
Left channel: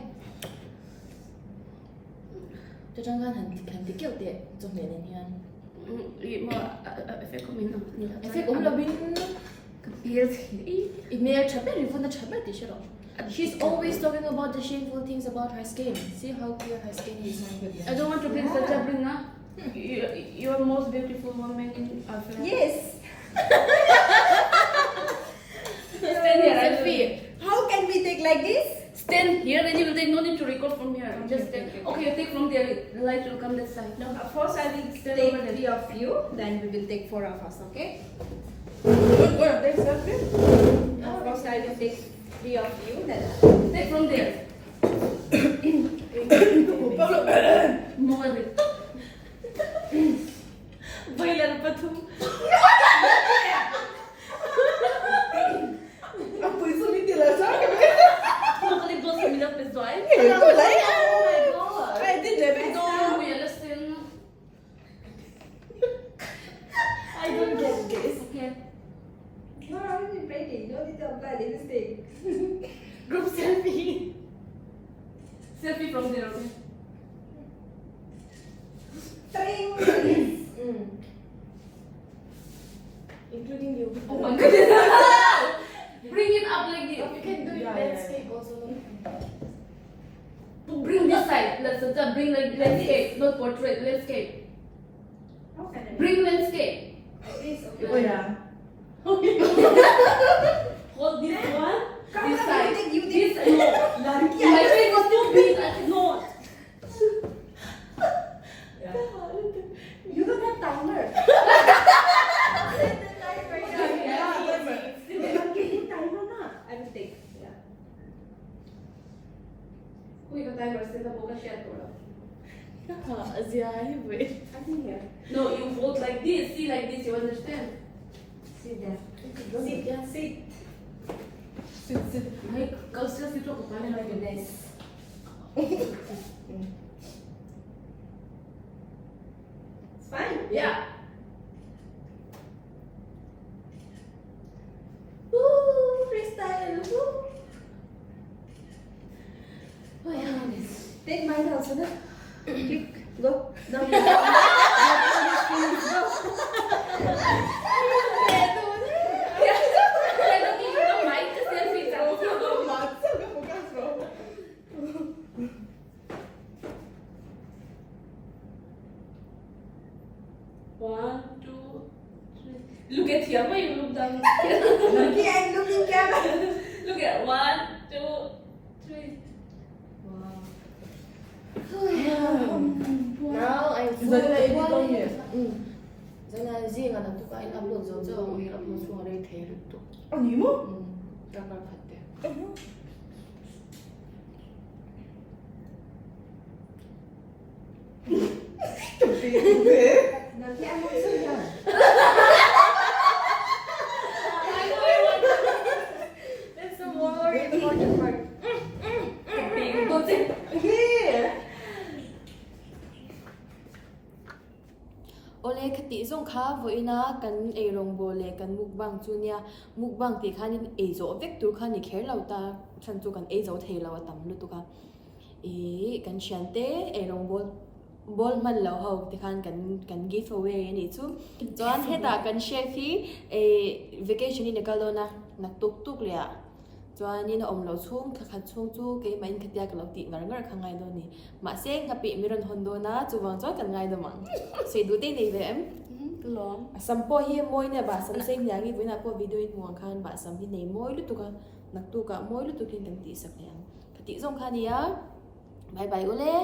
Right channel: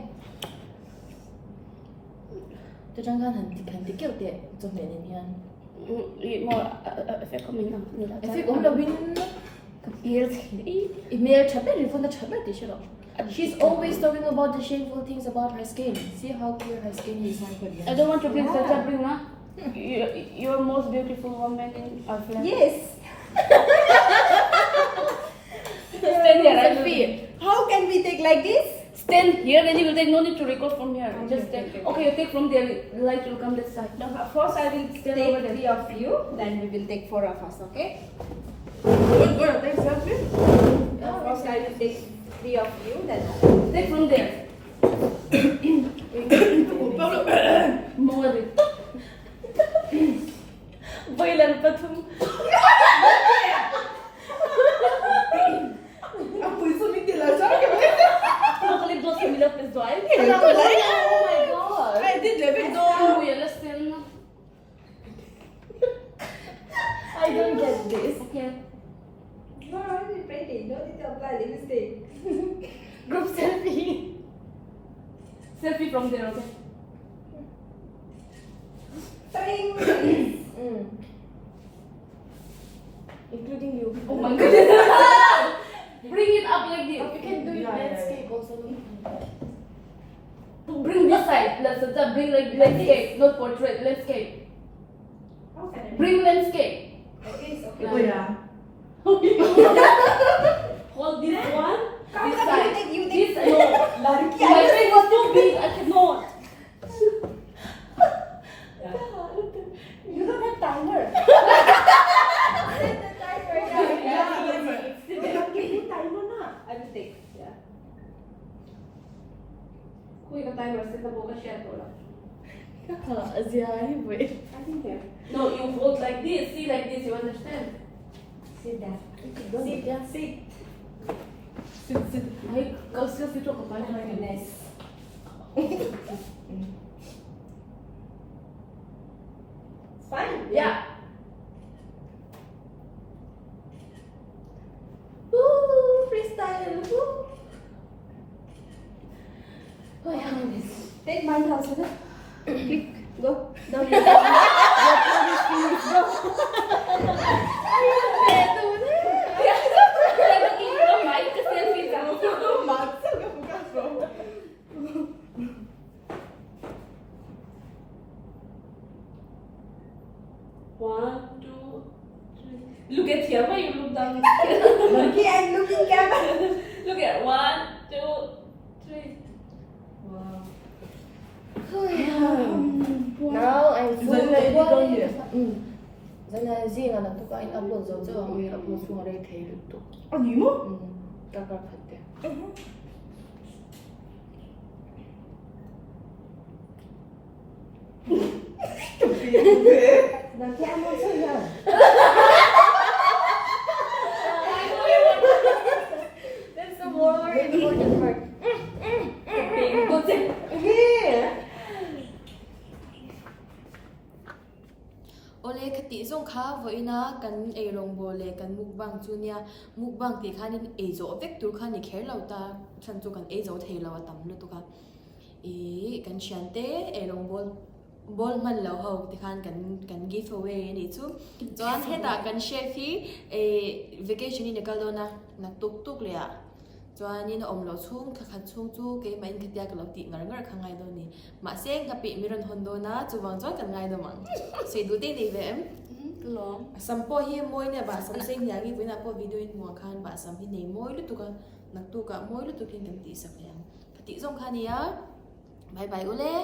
cho trang khăn hình tí kiểu tiện trong này này nha Mo effect ko min na. em cũng là win Yes. email chapel in phone chapel tí 싫어 she's always talking about the shameful things about her skin see how clear her skin is I don't want to bring such a bring na. You're most beautiful woman in our flat. Yes. Stand here. selfie How can we take like this? Stand here and you will take no need to record from here. Just take. Okay, you take from there. The light will come this side. No, first I will Stand over take there. 3 of you, then we will take 4 of us, okay? First I will take 3 of you, then Take from there. More with. Bailar patum Look those similar as well. oh my god I did let it go. Oh, yeah, listen. I don't get this Okay. You are already pretty, no need to apply lipstick. group selfie Selfie from there, okay? including you Oh my goodness. Bring it up like this. you can do it landscape also Bring this side. Let's bring like landscape, not portrait. Landscape. Bring landscape. Oh yeah. Hold this one. Come, This come, side. you This take- no. My face is too big. I cannot. You don't have timer. I will take. Yeah. Wait, the timer set the boca share to Aziahi wait I think here. No, you hold like this. See like this. You understand? Sit there. sit yeah Sit. Sit. Like, cause let's talk about Goodness. It's fine. Yeah. Woo! Freestyle. Woo! oh yeah Take mine also. Na? Click. Go. No. One, two, three. Look at here. Why you look down? Looking and looking camera. Look at 1, 2, 3. now I'm full Dần of lên đi con work nhỉ? Vậy là riêng là tụi anh upload rồi chứ không upload xuống đây thế được tụ 언니 뭐? các bạn phải thế 난 캐모 소년. that's the more important part ole khati zong kha voina kan e rong bole kan mukbang chunia mukbang ti khanin e zo vek tur khani kher lauta than chu kan e zo thei lawa tam lu tu ka e kan chante e rong bol บอลมันแล้วเขาที่คันกัน give away นี่จุจวนเฮตากัน share ที่vacation นี่ก็แล้วนะนักตุกเลยอ่ะจวนนี่นะอมเราช่วงขัดช่วงจูเกี่ยมันขัดยากเราติงานข้างไงโดนี่มาเซ็งขับปีมีรันฮอนโดนะจูวางจอกันไงโดมั้งสวยดูดีนี่เว้ยร้อง สัมปอเฮียมวยเนี่ยบาสัมเซ็งอย่างนี้เป็นอะไรพอวิดีโอห่วงคันบาสัมพี่เนี่ยมวยลุตุกันนักตุกะมวยลุตุกินกันตีสักอย่างคติส่งคันนี้อ่ะบายบายโอเล่